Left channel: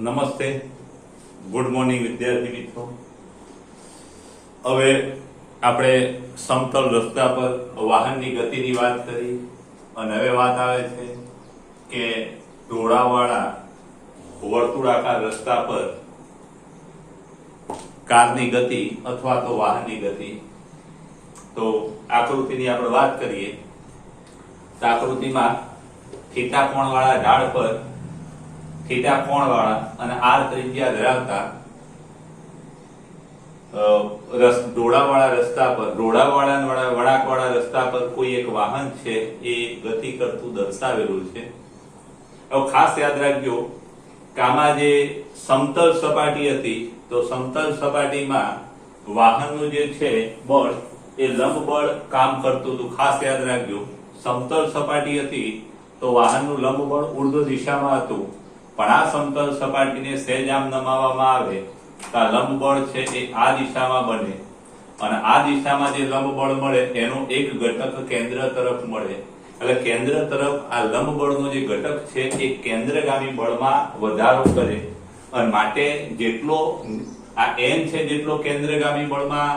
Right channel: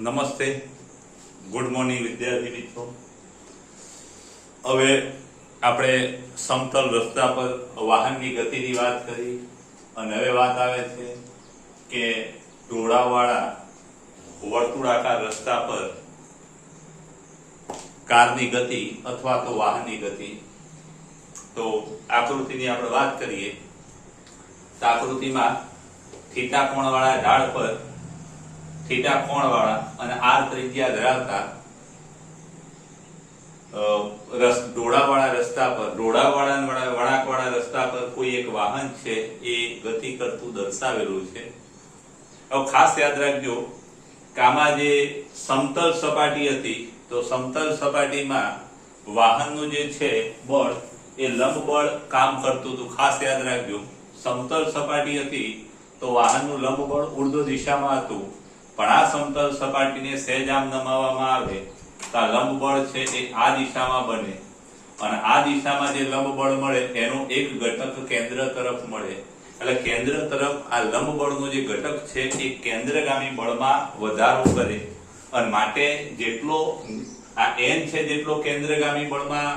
નમસ્તે, good morning વિદ્યાર્થી મિત્રો। હવે આપણે સમતલ રસ્તા પર વાહનની ગતિની વાત કરી અને હવે વાત આવે છે કે ઢોળાવાળા વર્તુળાકાર રસ્તા પર કારની ગતિ અથવા તો વાહનની ગતિ। તો આકૃતિની આપણે વાત કરીએ તો આકૃતિમાં થીટા કોણવાળા ઢાળ પર थीटा कोण वाला અને r ત્રિજ્યા ધરાવતા ઢોળાવાળા રસ્તા પર ઢોળાવાળા વળાંકવાળા રસ્તા પર કોઈ એક વાહન છે એ ગતિ કરતું દર્શાવેલું છે। હવે ખાસ યાદ રાખજો કે આમાં જે સમતલ સપાટી હતી તો સમતલ સપાટીમાં વાહનનું જે છે બળ એ લંબ બળ કામ કરતું હતું। ખાસ યાદ રાખજો સમતલ સપાટી હતી તો વાહનનું લંબ બળ ઉર્ધ્વ દિશામાં હતું, પણ આ સમતલ સપાટીને સહેજ આમ નમાવવામાં આવે તો આ લંબ બળ છે એ આ દિશામાં બને અને આ દિશામાં જે લંબ બળ મળે એનો એક ઘટક કેન્દ્ર તરફ મળે, એટલે કેન્દ્ર તરફ આ લંબ બળનો જે ઘટક છે એ કેન્દ્રગામી બળમાં વધારો કરે અને માટે જેટલો આ n છે જેટલો કેન્દ્રગામી બળમાં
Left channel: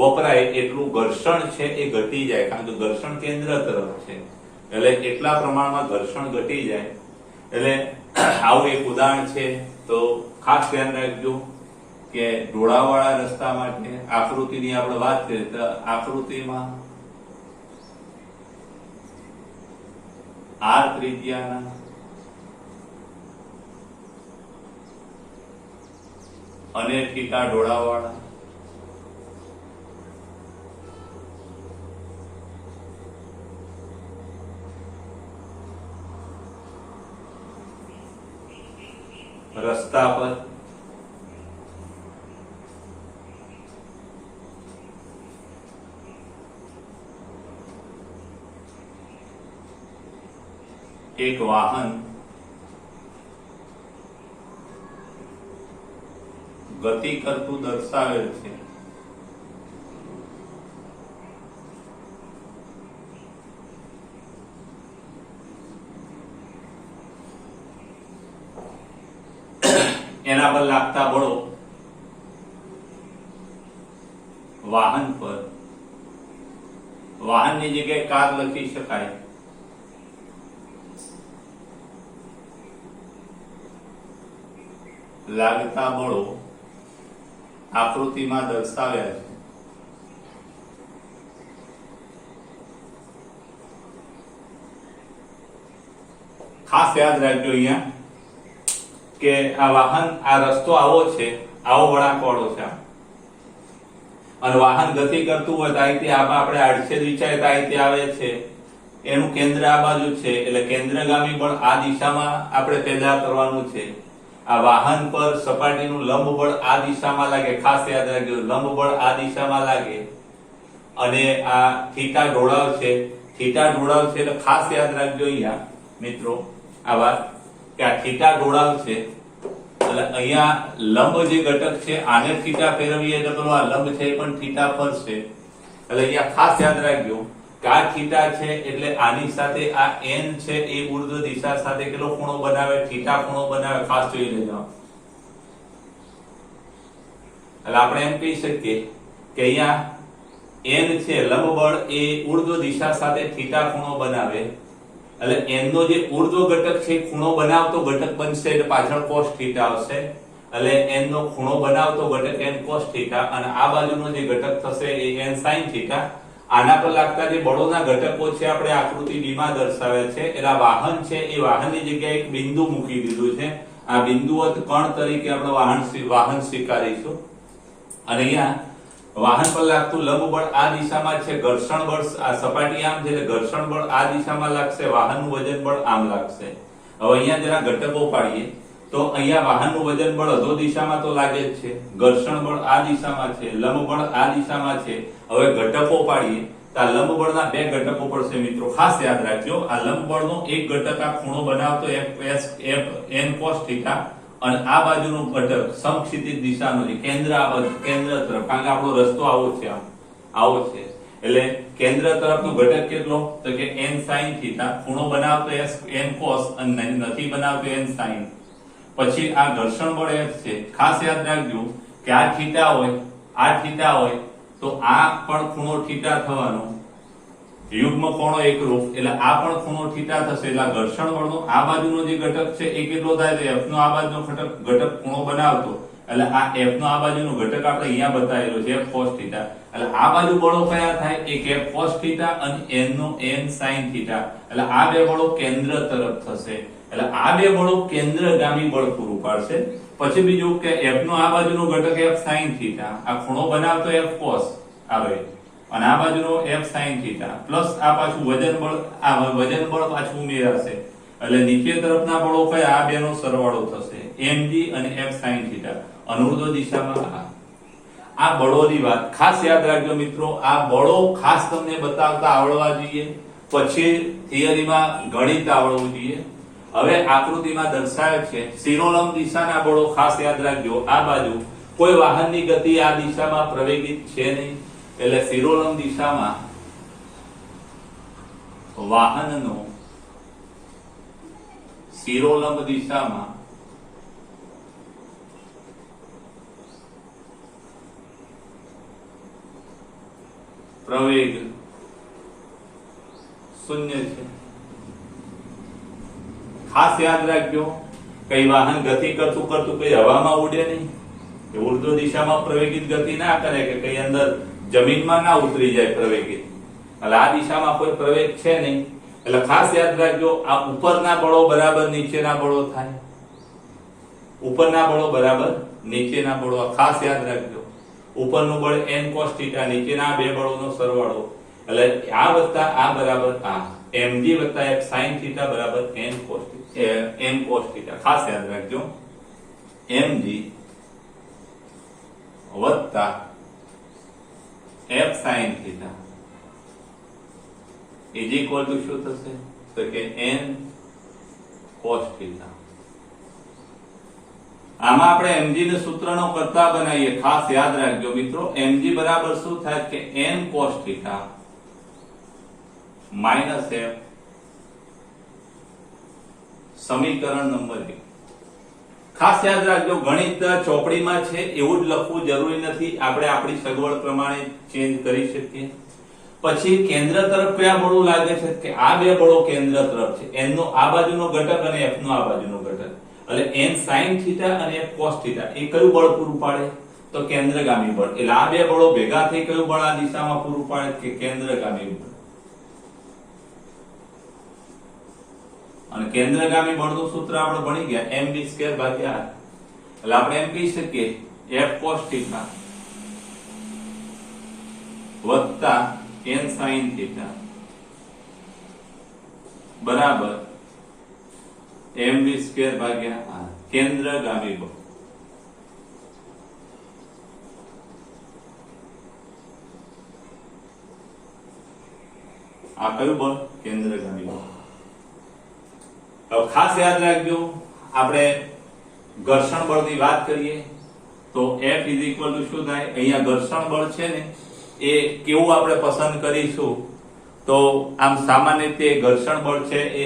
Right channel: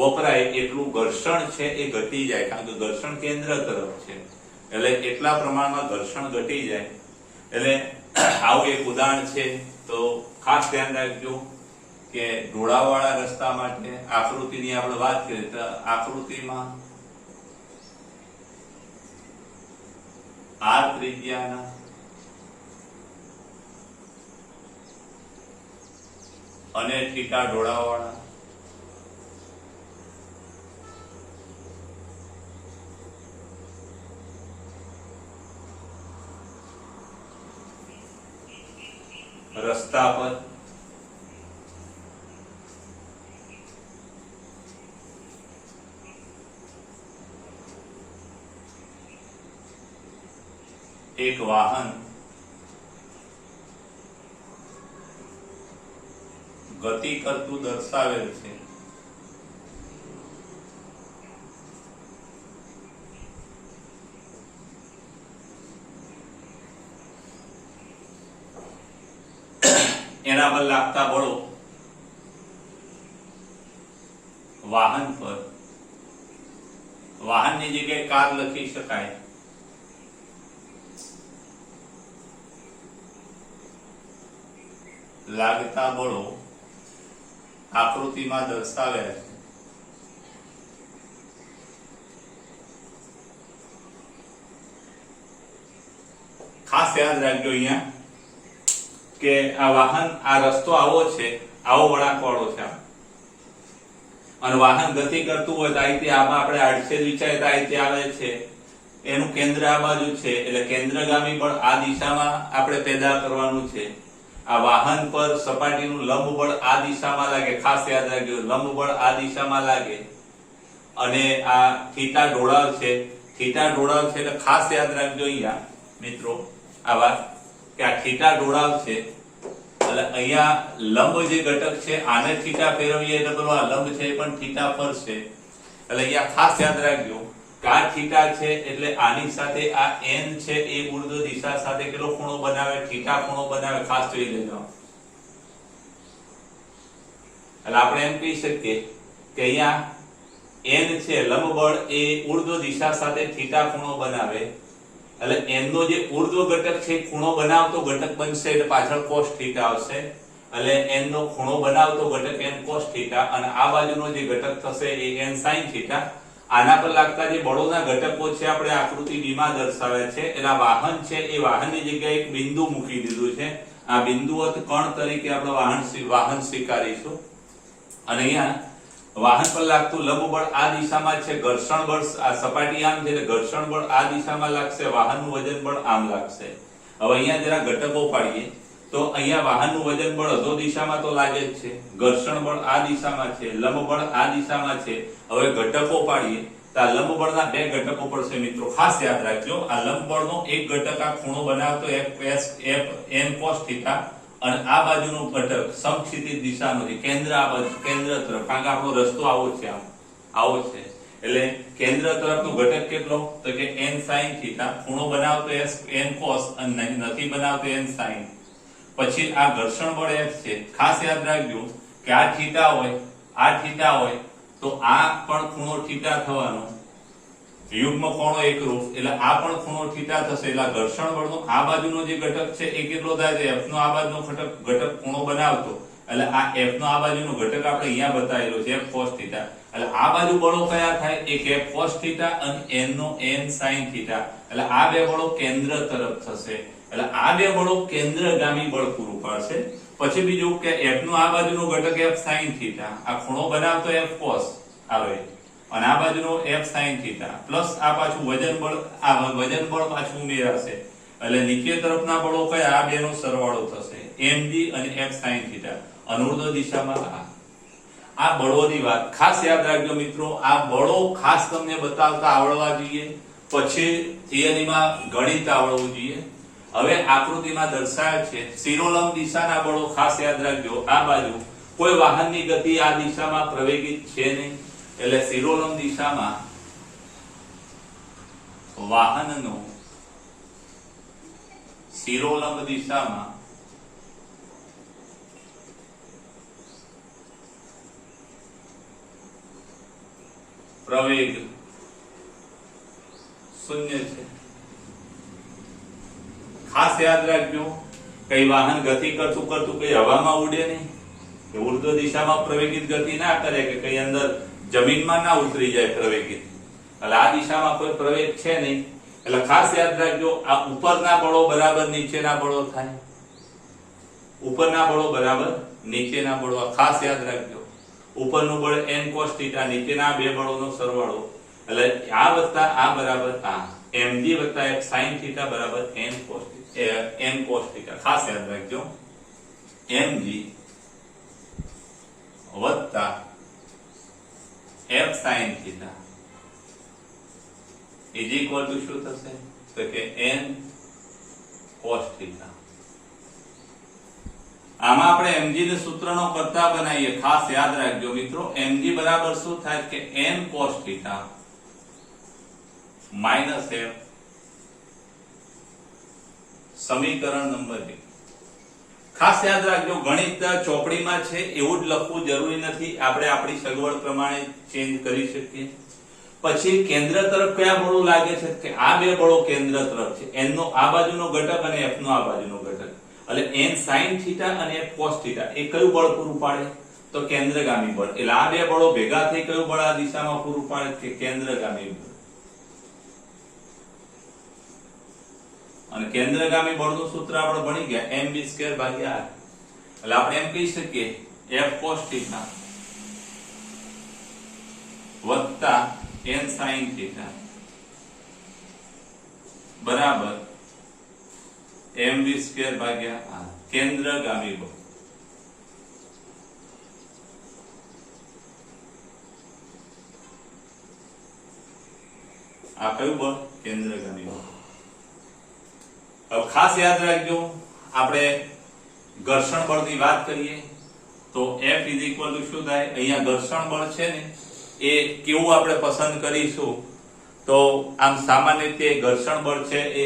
વપરાય એટલું ઘર્ષણ છે એ ઘટી જાય, કારણ કે ઘર્ષણ કેન્દ્ર તરફ છે એટલે એટલા પ્રમાણમાં ઘર્ષણ ઘટી જાય। એટલે આવું એક ઉદાહરણ છે। તો ખાસ ધ્યાન રાખજો કે ઢોળાવાળા રસ્તા માટે આકૃતિની આપણે વાત કરીએ તો આકૃતિમાં r ત્રિજ્યાના અને થીટા ઢોળાવાળા રસ્તા પર એક વાહન ગતિ કરતું દર્શાવેલ છે। એના પર લાગતા બળો વાહન પર વાહનની જગ્યાએ કાર લખી શકાય। લાગતા બળો આકૃતિમાં દર્શાવ્યા છે। ખાસ યાદ રાખજો અહીંયા કે આ વાહન આ રસ્તો આવો છે, આવો વળાંકવાળો છે અને વાહન ગતિ કરતું હોય તો આ રીતે આપણે આડછેદ વિચારે તો આ રીતે આવે છે, એનું કેન્દ્ર આ બાજુ છે એટલે કેન્દ્રગામી બળ આ દિશામાં આપણે પેદા કરવાનું છે। આ વાહન પર સપાટીનું લંબ બળ આ દિશામાં લાગે, ખાસ યાદ રાખજો લંબ બળ આ દિશામાં લાગે અને આ થીટા ઢોળાવ છે, થીટા ઢોળાવ છે એટલે ખાસ યાદ રાખજો અહીંયા મિત્રો આ વાત કે આ થીટા ઢોળાવ છે એટલે અહીંયા લંબ જે ઘટક છે આને થીટા ફેરવીએ એટલે પેલો આ લંબ છે એ પણ થીટા ફરશે, એટલે અહીંયા ખાસ યાદ રાખજો કે આ થીટા છે એટલે આની સાથે આ n છે એ ઉર્ધ્વ દિશા સાથે કેટલો ખૂણો બનાવે, થીટા ખૂણો બનાવે, ખાસ જોઈ લેજો। એટલે આપણે એમ કહી શકીએ કે અહીંયા n છે લંબ બળ એ ઉર્ધ્વ દિશા સાથે થીટા ખૂણો બનાવે, એટલે n નો જે ઉર્ધ્વ ઘટક છે ખૂણો બનાવતો ઘટક બનશે એટલે પાછળ cos થીટા આવશે, એટલે n નો ખૂણો બનાવતો ઘટક n cos થીટા અને આ બાજુનો જે ઘટક થશે એ n sin થીટા। આના પર લાગતા જે બળોના ઘટકો છે આપણે આકૃતિ b માં દર્શાવ્યા છે। એટલે વાહન છે એ વાહનની જગ્યાએ એક બિંદુ મૂકી દીધું છે, આ બિંદુવત કણ તરીકે આપણે વાહન સ્વીકારીશું અને અહીંયા વાહન પર લાગતું લંબ બળ આ દિશામાં છે, ઘર્ષણ બળ આ સપાટી આમ છે એટલે ઘર્ષણ બળ આ દિશામાં લાગશે, વાહનનું વજન બળ આમ લાગશે। હવે અહીંયા જરા ઘટકો પાડીએ તો અહીંયા વાહનનું વજન બળ અધો દિશામાં તો લાગે જ છે, ઘર્ષણ બળ આ દિશામાં છે, લંબ બળ આ દિશામાં છે। હવે ઘટકો પાડીએ તો આ લંબ બળના બે ઘટકો પડશે મિત્રો, ખાસ યાદ રાખજો આ લંબ બળનો એક ઘટક આ ખૂણો બનાવતો n cos થીટા અને આ બાજુનો ઘટક સમક્ષિતિજ દિશાનો છે, કેન્દ્ર આ બાજુ કેન્દ્ર તરફ, કારણ કે આપણો રસ્તો આવો છે આવો છે એટલે કેન્દ્ર તરફનો ઘટક કેટલો તો કે n sin થીટા, ખૂણો બનાવતો n cos અને નથી બનાવતો n sin। પછી આ ઘર્ષણ બળ F છે. ખાસ યાદ રાખજો કે આ થીટા હોય, આ થીટા હોય તો આ પણ ખૂણો થીટા થવાનો, યુગ્મ કોણો એકરૂપ, એટલે આ પણ ખૂણો થીટા થશે. એટલે ઘર્ષણ બળનો આ બાજુનો જે ઘટક છે એ કેટલો થાય તો F નો આ બાજુનો ઘટક ખૂણો બનાવતો, એટલે આ F નો આ બાજુનો ઘટક આપણે અહીંયા બતાવેલો છે F cos θ. એટલે આ બાજુ બળો કયા થાય? એક F cos θ અને n નો n sin θ. એટલે આ બે બળો કેન્દ્ર તરફ થશે. એટલે આ બે બળો કેન્દ્રગામી બળ પૂરું પાડશે. પછી બીજું કે F નો આ બાજુનો ઘટક F sin θ, આ ખૂણો બનાવતો F cos આવે અને આ બાજુનો F sin θ પ્લસ આ પાછું વજન બળ, આ વજન બળ પાછું ઉમેરાશે. એટલે નીચે તરફના બળો કયા? આ બેનો સરવાળો થશે mg અને F sin θ. અનુર્ધ્વ દિશામાં આ બળોની વાત ખાસ યાદ રાખજો મિત્રો. આ બળો ખાસ તમને બતાવતા આવડવા જોઈએ, પછી થિયરીમાં ગણિત આવડવું જોઈએ. હવે આકૃતિમાં દર્શાવે છે શિરોલંબ દિશાના બળો. ખાસ યાદ રાખજો આ બાજુ કોઈ વાહનની ગતિ આ દિશામાં પ્રવેગિત છે નહીં, એટલે શિરોલંબ દિશામાં વાહનનો શિરોલંબ દિશામાં પ્રવેગ શૂન્ય છે. ખાસ યાદ રાખજો કઈ વાહન ગતિ કરતું કઈ હવામાં ઉડે નહીં, કે ઉર્ધ્વ દિશામાં પ્રવેગિત ગતિ ના કરે, કે કઈ અંદર જમીનમાં ના ઉતરી જાય પ્રવેગિત. એટલે આ દિશામાં કોઈ પ્રવેગ છે નહીં. એટલે ખાસ યાદ રાખજો આ ઉપરના બળો બરાબર નીચેના બળો થાય, ઉપરના બળો બરાબર નીચેના બળો. ખાસ યાદ રાખજો ઉપરનું બળ n cos θ, નીચેના બે બળોનો સરવાળો, એટલે આ વત્તા આ બરાબર આ mg વત્તા f sin θ બરાબર n cos θ. ખાસ યાદ રાખજો mg વત્તા f sin θ is equal to શું થશે? તો કે n cos θ. આમાં આપણે mg ને સૂત્રનો કરતા બનાવીએ. ખાસ યાદ રાખજો મિત્રો mg બરાબર શું થાય કે n cos θ માઈનસ f, સમીકરણ નંબર 1. ખાસ યાદ રાખજો ગણિત ચોપડીમાં છે એવું જ લખવું જરૂરી નથી, આપણે આપણી સગવડ પ્રમાણે ચેન્જ કરી શકીએ. પછી કેન્દ્ર તરફ કયા બળો લાગે છે? કે આ બે બળો કેન્દ્ર તરફ છે, n નો આ બાજુનો ઘટક અને f નો આ બાજુનો ઘટક. એટલે n sin θ અને f cos θ એ કયું બળ પૂરું પાડે? તો કેન્દ્રગામી બળ. એટલે આ બે બળો ભેગા થઈ કયું બળ આ દિશામાં પૂરું પાડે? કે કેન્દ્રગામી બળ. અને કેન્દ્રગામી બળનું સૂત્ર આપણે ભણી ગયા mv² ભાગ્યા r. એટલે આપણે એમ કહી શકીએ f cos θ વત્તા n sin θ બરાબર mv² ભાગ્યા r. કેન્દ્રગામી બળ. આ કયું બળ? કેન્દ્રગામી બળ. ખાસ યાદ રાખજો આપણે ઘર્ષણ બળની વાત કરીએ તો F ઇઝ ઇક્વલ ટુ શું થાય? અહીંયા ઘર્ષણ બળ છે ને એ કેવું આપણે પસંદ કરીશું? તો આમ સામાન્ય રીતે ઘર્ષણ બળ છે એ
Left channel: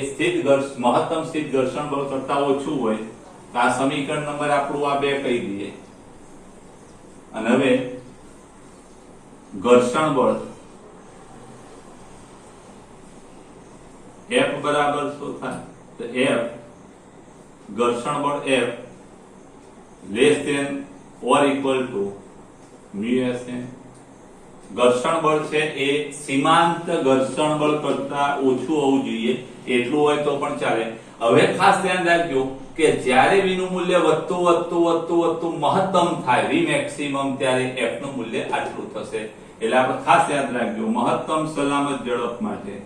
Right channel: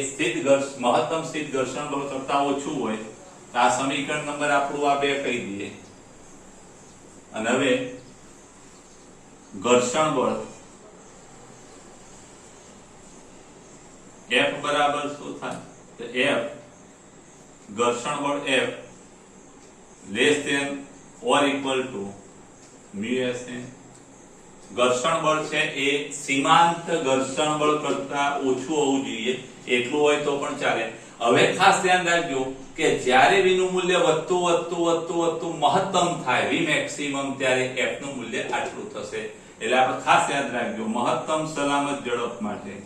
મહત્તમ સ્થિત ઘર્ષણ બળ કરતા ઓછું હોય તો આ સમીકરણ નંબર આપણું આ બે કહી દઈએ. અને હવે ઘર્ષણ બળ F બરાબર શું થાય? તો F ઘર્ષણ બળ F less than or equal to μSn. ઘર્ષણ બળ છે એ સીમાંત ઘર્ષણ બળ કરતા ઓછું હોવું જોઈએ, એટલું હોય તો પણ ચાલે. હવે ખાસ ધ્યાન રાખજો કે જ્યારે v નું મૂલ્ય વધતું મહત્તમ થાય v મેક્સિમમ, ત્યારે f નું મૂલ્ય આટલું થશે. એટલે આપણે ખાસ યાદ રાખજો મહત્તમ સલામત ઝડપ માટે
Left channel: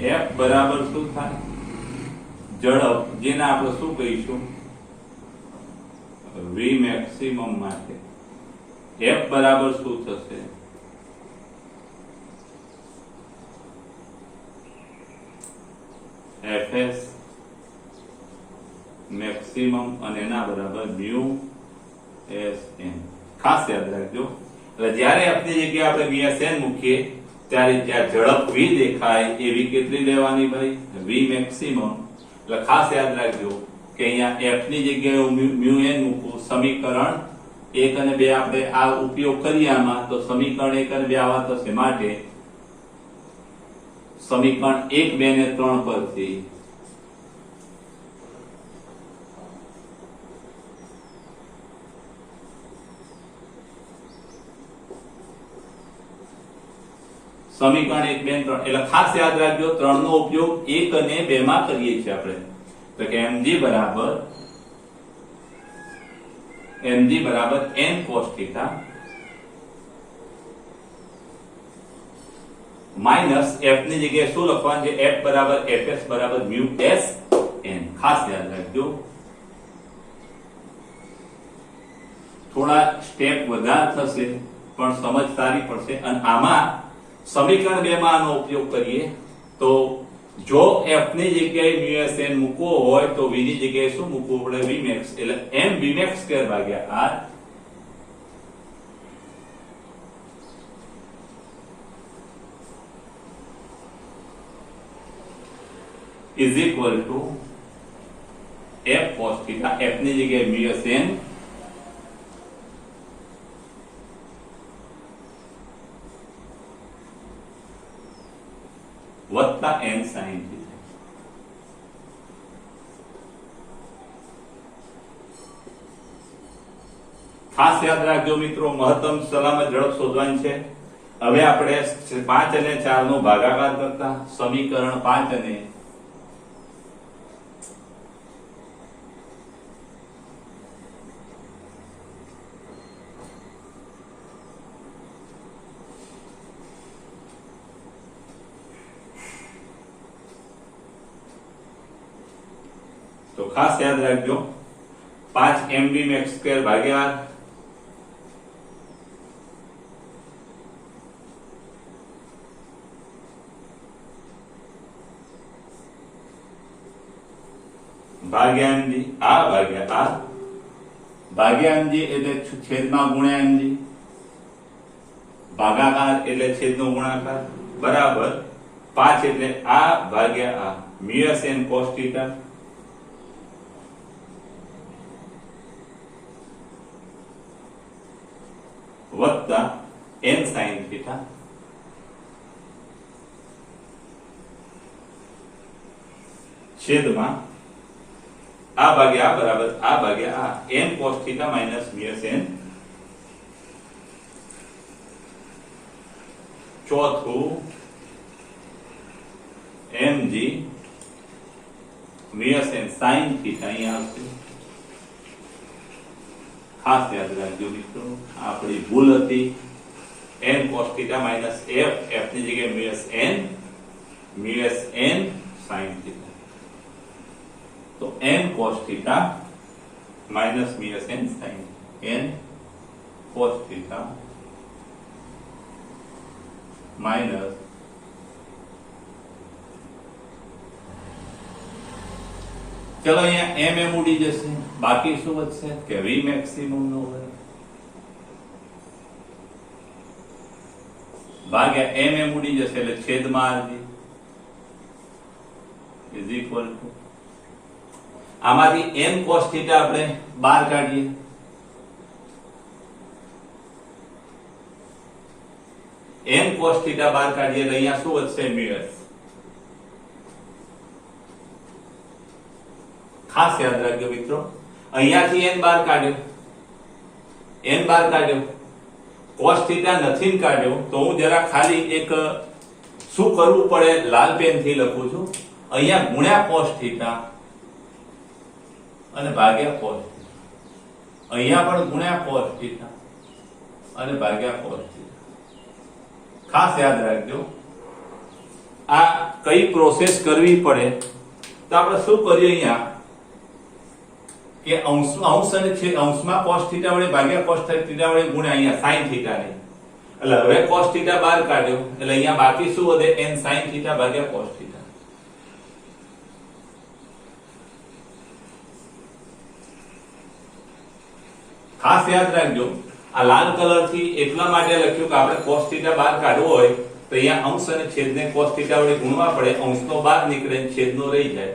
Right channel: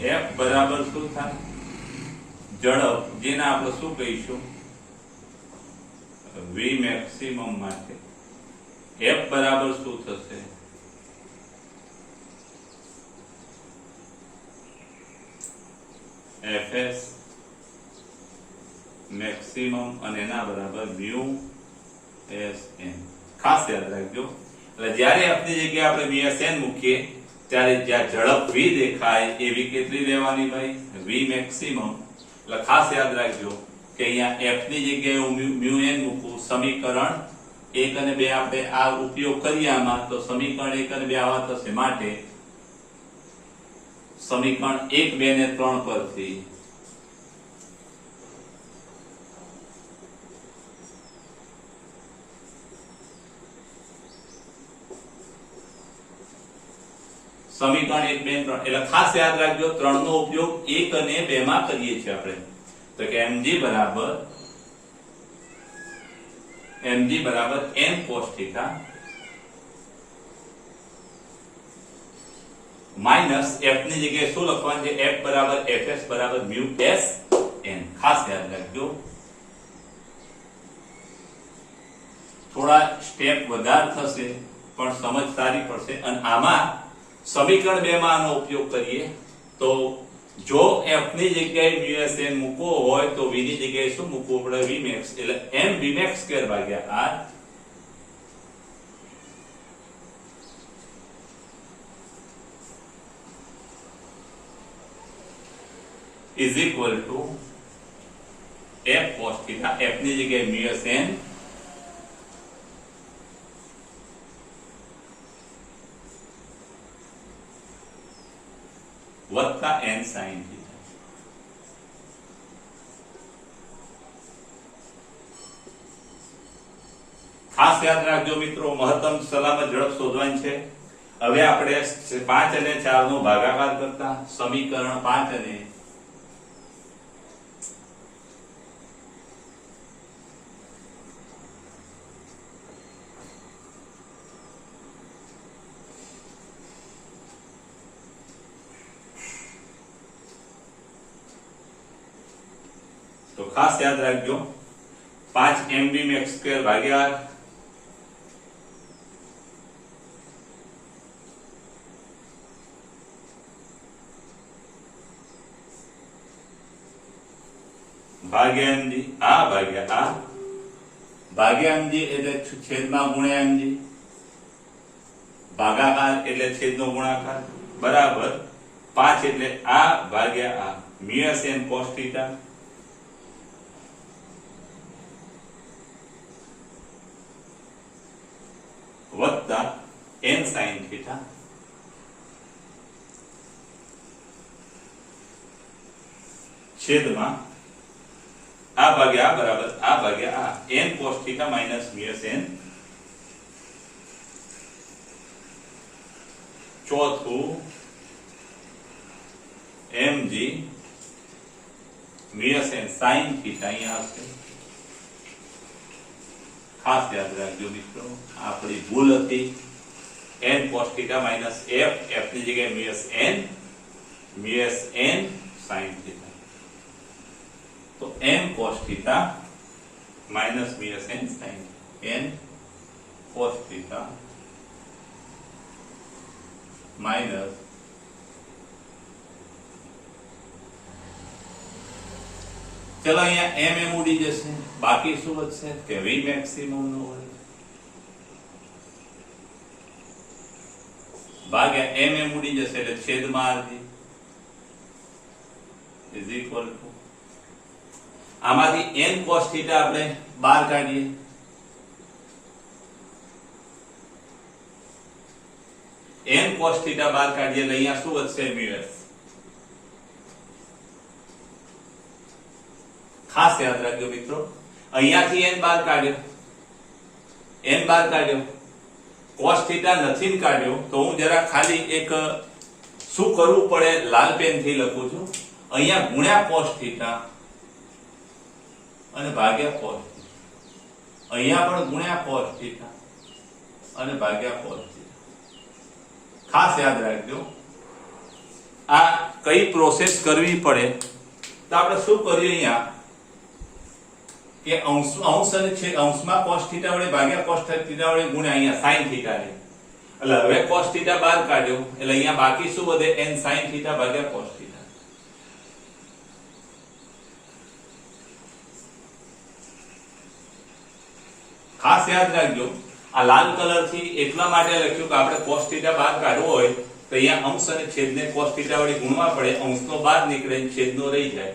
f બરાબર શું થાય? ઝડપ જેને આપણે શું કહીશું? v મેક્સિમમ માટે f બરાબર શું થશે? fs મેક્સિમમ અને એના બરાબર μ sn. ખાસ યાદ રાખજો. એટલે જ્યારે f ની જગ્યાએ આપણે vsn મૂકીએ ત્યારે જ્યાં ઝડપ v દેખાય એવી કેટલી લેવાની ભાઈ? v maximum. એટલે ખાસ યાદ રાખજો કે અહીંયા f ની જગ્યાએ હું mu n મૂકું. સમીકરણ 1 અને 2 આપણે આ ઉપયોગ કરીએ આમાં, તો સમીકરણ 1 અને 2 આવા થશે. માટે સમીકરણ 1, 2 ને 3 પરથી સમીકરણ 1, 2 3 એટલે ખાસ યાદ રાખજો 3 નો ઉપયોગ 1 અને 2 માં કરીએ છીએ આપણે. તો કે mg બરાબર n cos θ માઈનસ f ની જગ્યાએ શું લખવાનું છે? f બરાબર fs બરાબર mu s n. ખાસ યાદ રાખજો. થોડા સ્ટેપ વધારે થશે પણ સમજ સારી પડશે. અને આમાં સમીકરણ 2 માં આનો ઉપયોગ કરીએ તો જો f ની જગ્યાએ mu s n મૂકવો હોય તો v ની જગ્યાએ શું મૂકવું પડે? v max. એટલે m v max સ્ક્વેર ભાગ્યા r is equal to f cos θ. f ની જગ્યાએ mu s n વત્તા n sin θ. ખાસ યાદ રાખજો મિત્રો, મહત્તમ સલામત ઝડપ શોધવાની છે. હવે આપણે 5 અને 4 નો ભાગાકાર કરતા સમીકરણ 5 અને તો ખાસ યાદ રાખજો 5 mv max સ્ક્વેર ભાગ્યા mg આ ભાગ્યા mg એટલે છેદમાં ગુણ્યા mg, ભાગાકાર એટલે છેદનો ગુણાકાર બરાબર 5 એટલે આ ભાગ્યા આ mu s n cos θ વત્તા n sin θ છેદમાં આ ભાગ્યા આ બરાબર આ ભાગ્યા આ n cos θ minus mu s n. ચોથું mg mu s n sin θ અહીંયા આવશે. ખાસ યાદ રાખજો મિત્રો, આપણી ભૂલ હતી. n cos θ minus f ની જગ્યાએ mu s n sin θ. તો n cos θ minus mu s n sin n cos θ minus ચલો અહીંયા m ઉડી જશે, બાકી શું વધશે કે v maximum નો હોય ભાગ્યા m ઉડી જશે એટલે છેદમાં rg is equal to આમાંથી n cos θ આપણે બહાર કાઢીએ. n cos θ બહાર કાઢીએ એટલે અહીંયા શું વધશે? mu s. ખાસ યાદ રાખજો મિત્રો, અહીંયાથી n બહાર કાઢ્યો cos θ નથી કાઢ્યો તો હું જરા ખાલી એક શું કરવું પડે લાલ પેન થી લખું છું. અહીંયા ગુણ્યા cos θ અને ભાગ્યા cos θ, અહીંયા પણ ગુણ્યા cos θ અને ભાગ્યા cos θ. ખાસ યાદ રાખજો આ કઈ પ્રોસેસ કરવી પડે તો આપણે શું કરીએ અહીંયા કે અંશ અને અંશમાં cos θ વડે ભાગ્યા cos θ વડે ગુણ્યા અહીંયા sin θ ને. એટલે હવે cos θ બહાર કાઢ્યો એટલે અહીંયા બાકી શું વધે? n sin θ ભાગ્યા cos θ. ખાસ યાદ રાખજો આ લાલ કલર થી એટલા માટે લખ્યું કે આપણે cos θ બહાર કાઢવો હોય તો અહીંયા અંશ અને છેદને cos θ વડે ગુણવા પડે, અંશનો બહાર નીકળે ને છેદનો રહી જાય.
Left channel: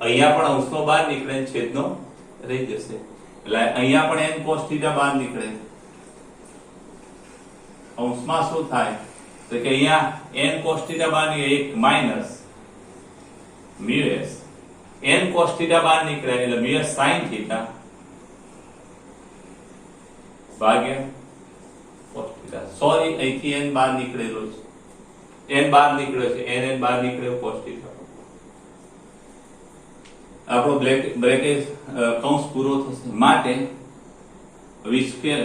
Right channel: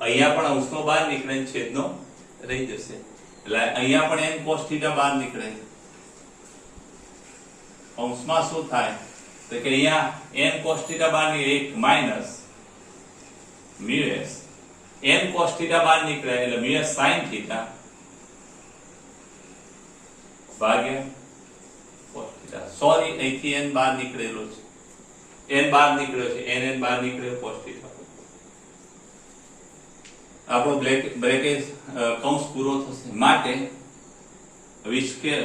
અહીંયા પણ અંશનો બહાર નીકળે ને છેદનો રહી જશે, એટલે અહીંયા પણ n cos θ બહાર નીકળે. અંશમાં શું થાય તો કે અહીંયા n cos θ બહાર નીકળે, 1 minus mu s n cos θ બહાર નીકળે એટલે મ્યુ s sin θ ભાગ્યા cos θ. સોરી, અહીંથી n બહાર નીકળેલો છે, n બહાર નીકળ્યો છે, n બહાર નીકળ્યો cos θ. આપણો બ્રેકેટ કૌંસ પૂરો થશે, માટે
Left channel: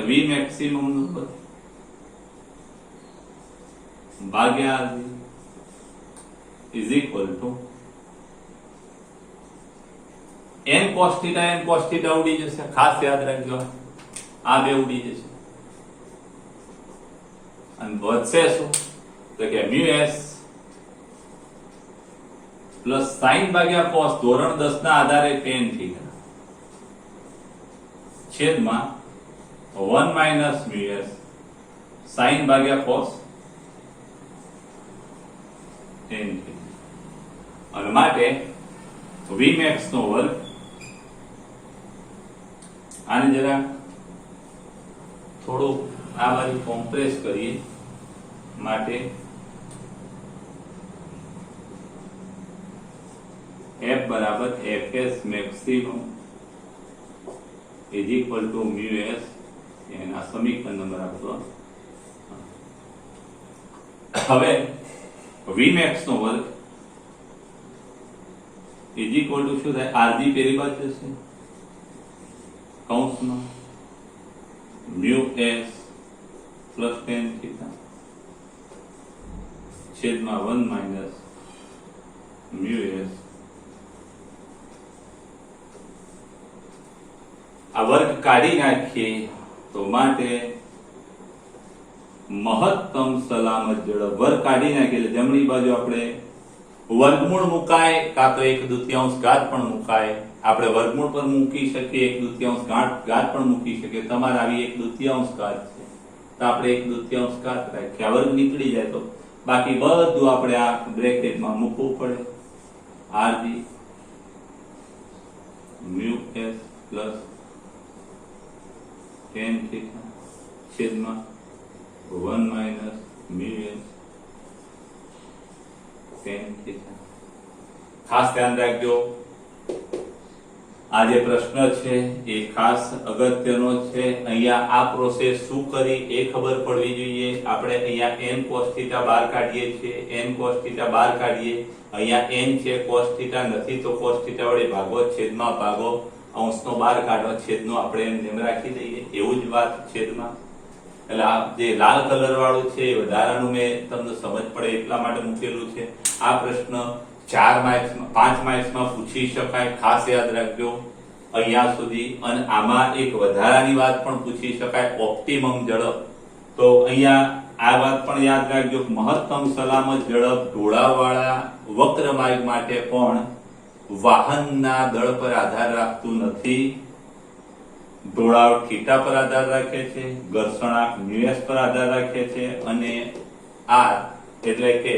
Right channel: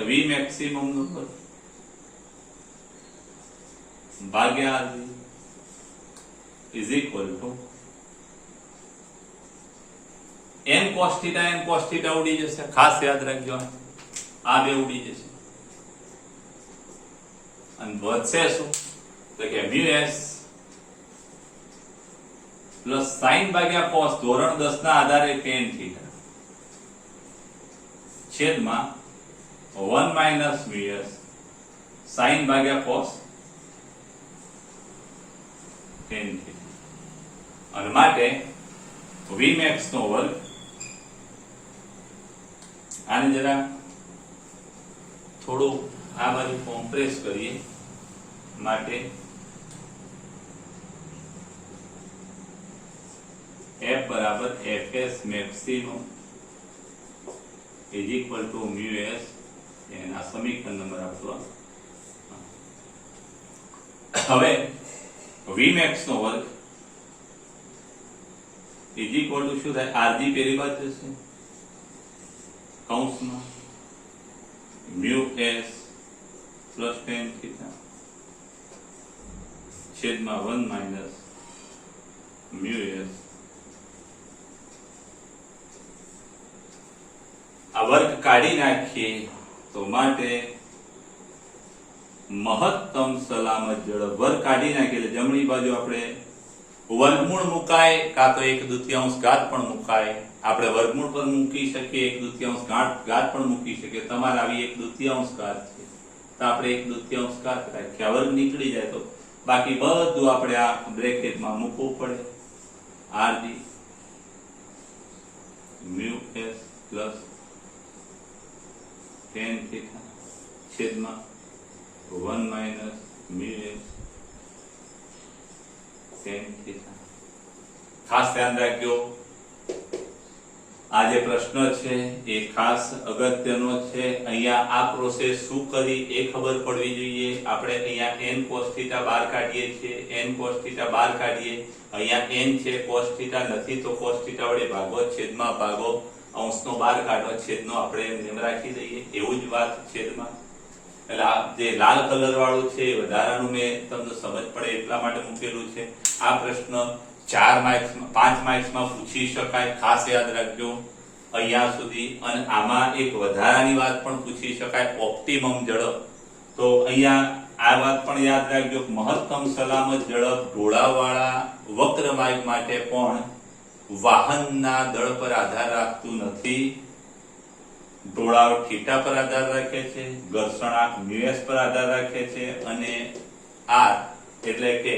v મેક્સિમમ નંબર ભાગ્યા is equal two n cos θ ઉડી જશે. ખાસ યાદ રાખજો, આ બે ઉડી જશે અને વધશે શું તો કે મ્યુ s પ્લસ sin ભાગ્યા cos ધોરણ 10 ના આધારે tan θ છેદમાં 1 માઈનસ મ્યુ s sin ભાગ્યા cos tan θ. અને માટે vmax નો વર્ગ, આને જરા થોડું આ બાજુ કોમ્પ્રેસ કરીએ, માટે f બરાબર fs maximum is equal two mu s. એના સમીકરણ નંબર આપો. હવે vmax નો વર્ગ ઇઝ ઇક્વલ ટુ શું થાય, rg પેલી બાદ જશે કૌંસમાં મ્યુ s પ્લસ tan θ છેદમાં 1 માઈનસ મ્યુ s. આ વર્ગ કાઢી નાખીએ તો માટે મહત્તમ સલામત ઝડપ વર્ગ કાઢી નાખીએ એટલે જમણી બાજુ આપણે વર્ગમૂળ મુકાય કાં તો 1/2 ઘાત પણ મુકાય. આપણે વર્ગમૂળ પર મૂકી શકીએ, 1/2 ઘાત પણ મૂકી શકીએ. તમારે આવી 1/2 ઘાત છે તો આપણે 1/2 ઘાત રાખીએ. આ વર્ગ નીકળી જાય તો બાકી બધું આપણે આ બ્રેકેટમાં મૂકવું પડે. rg mu s plus tan θ છેદમાં 1 માઈનસ મ્યુ s tan θ. ખાસ ધ્યાન રાખજો, આ જે પ્રશ્ન છે એ ખાસ અગત્યનો છે. અહીંયા આ પ્રોસેસ શું કરી એ ખબર પડવી જોઈએ. આપણે અહીંયા n cos θ બહાર કાઢીએ છીએ, n cos θ બહાર કાઢીએ, અહીંયા n છે, cos θ નથી તો cos θ વડે ભાગો, છેદમાં ભાગો, અંશનો બહાર કાઢો, છેદનો આપણે એમ રાખી દઈએ. એવું જ વાત છેદમાં. એટલે આ જે લાલ કલર વાળું છે એ વધારાનું મેં તમને સમજ પડે એટલા માટે મૂકેલું છે. આ પ્રશ્ન 4 માર્ક્સમાં 5 માર્ક્સમાં પૂછી શકાય, ખાસ યાદ રાખજો અહીંયા સુધી. અને આમાં એક વધારાની વાત પણ પૂછી શકાય, ઓપ્ટિમમ ઝડપ. તો અહીંયા આ વાત પણ યાદ રાખજો, મહત્તમ સલામત ઝડપ ઢોળાવવાળા વક્ર માર્ગ માટે પણ વાહનના દળ પર આધાર રાખતું નથી. ઢોળાવ થીટા પર આધાર રાખે છે, ઘર્ષણાંક મ્યુ s પર આધાર રાખે છે અને r એટલે કે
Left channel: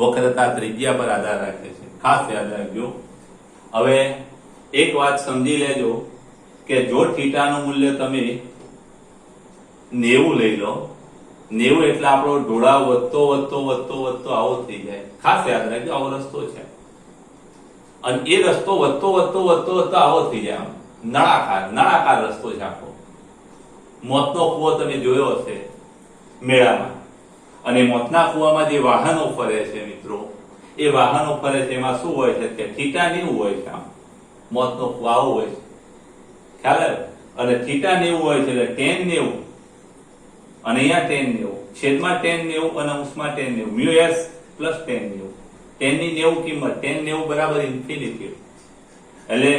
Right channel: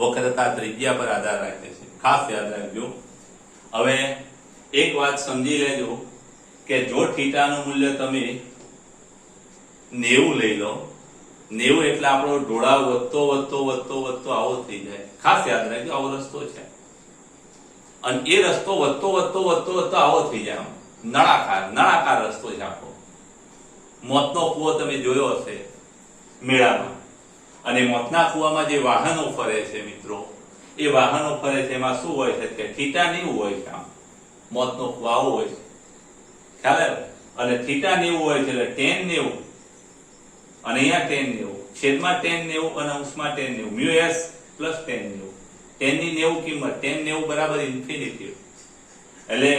વક્રતા ત્રિજ્યા પર આધાર રાખે છે. ખાસ યાદ રાખજો. હવે એક વાત સમજી લેજો કે જો થીટાનું મૂલ્ય તમે 90 લઈ લો, 90 એટલે આપણો ઢોળાવ વધતો આવો થઈ જાય. ખાસ યાદ રાખજો, આવો રસ્તો છે અને એ રસ્તો વધતો આવો થઈ જાય. નળાકાર રસ્તો છે આખો. મોતનો કૂવો તમે જોયો હશે મેળામાં, અને મોતના કૂવામાં જે વાહનો ફરે છે મિત્રો, એ વાહનો ફરે છે એમાં શું હોય છે કે થીટા 90 હોય છે. આમ મોતનો કૂવો આવો હોય છે, ખ્યાલ આવે? અને થીટા 90 હોય છે એટલે tan 90 અને અહીંયા tan 90 છેદમાં tan 90 અને અંશમાં tan 90 mu s plus tan 90. tan ની 90 કિંમત tan 90 બરાબર ઇન્ફિનિટી. એટલે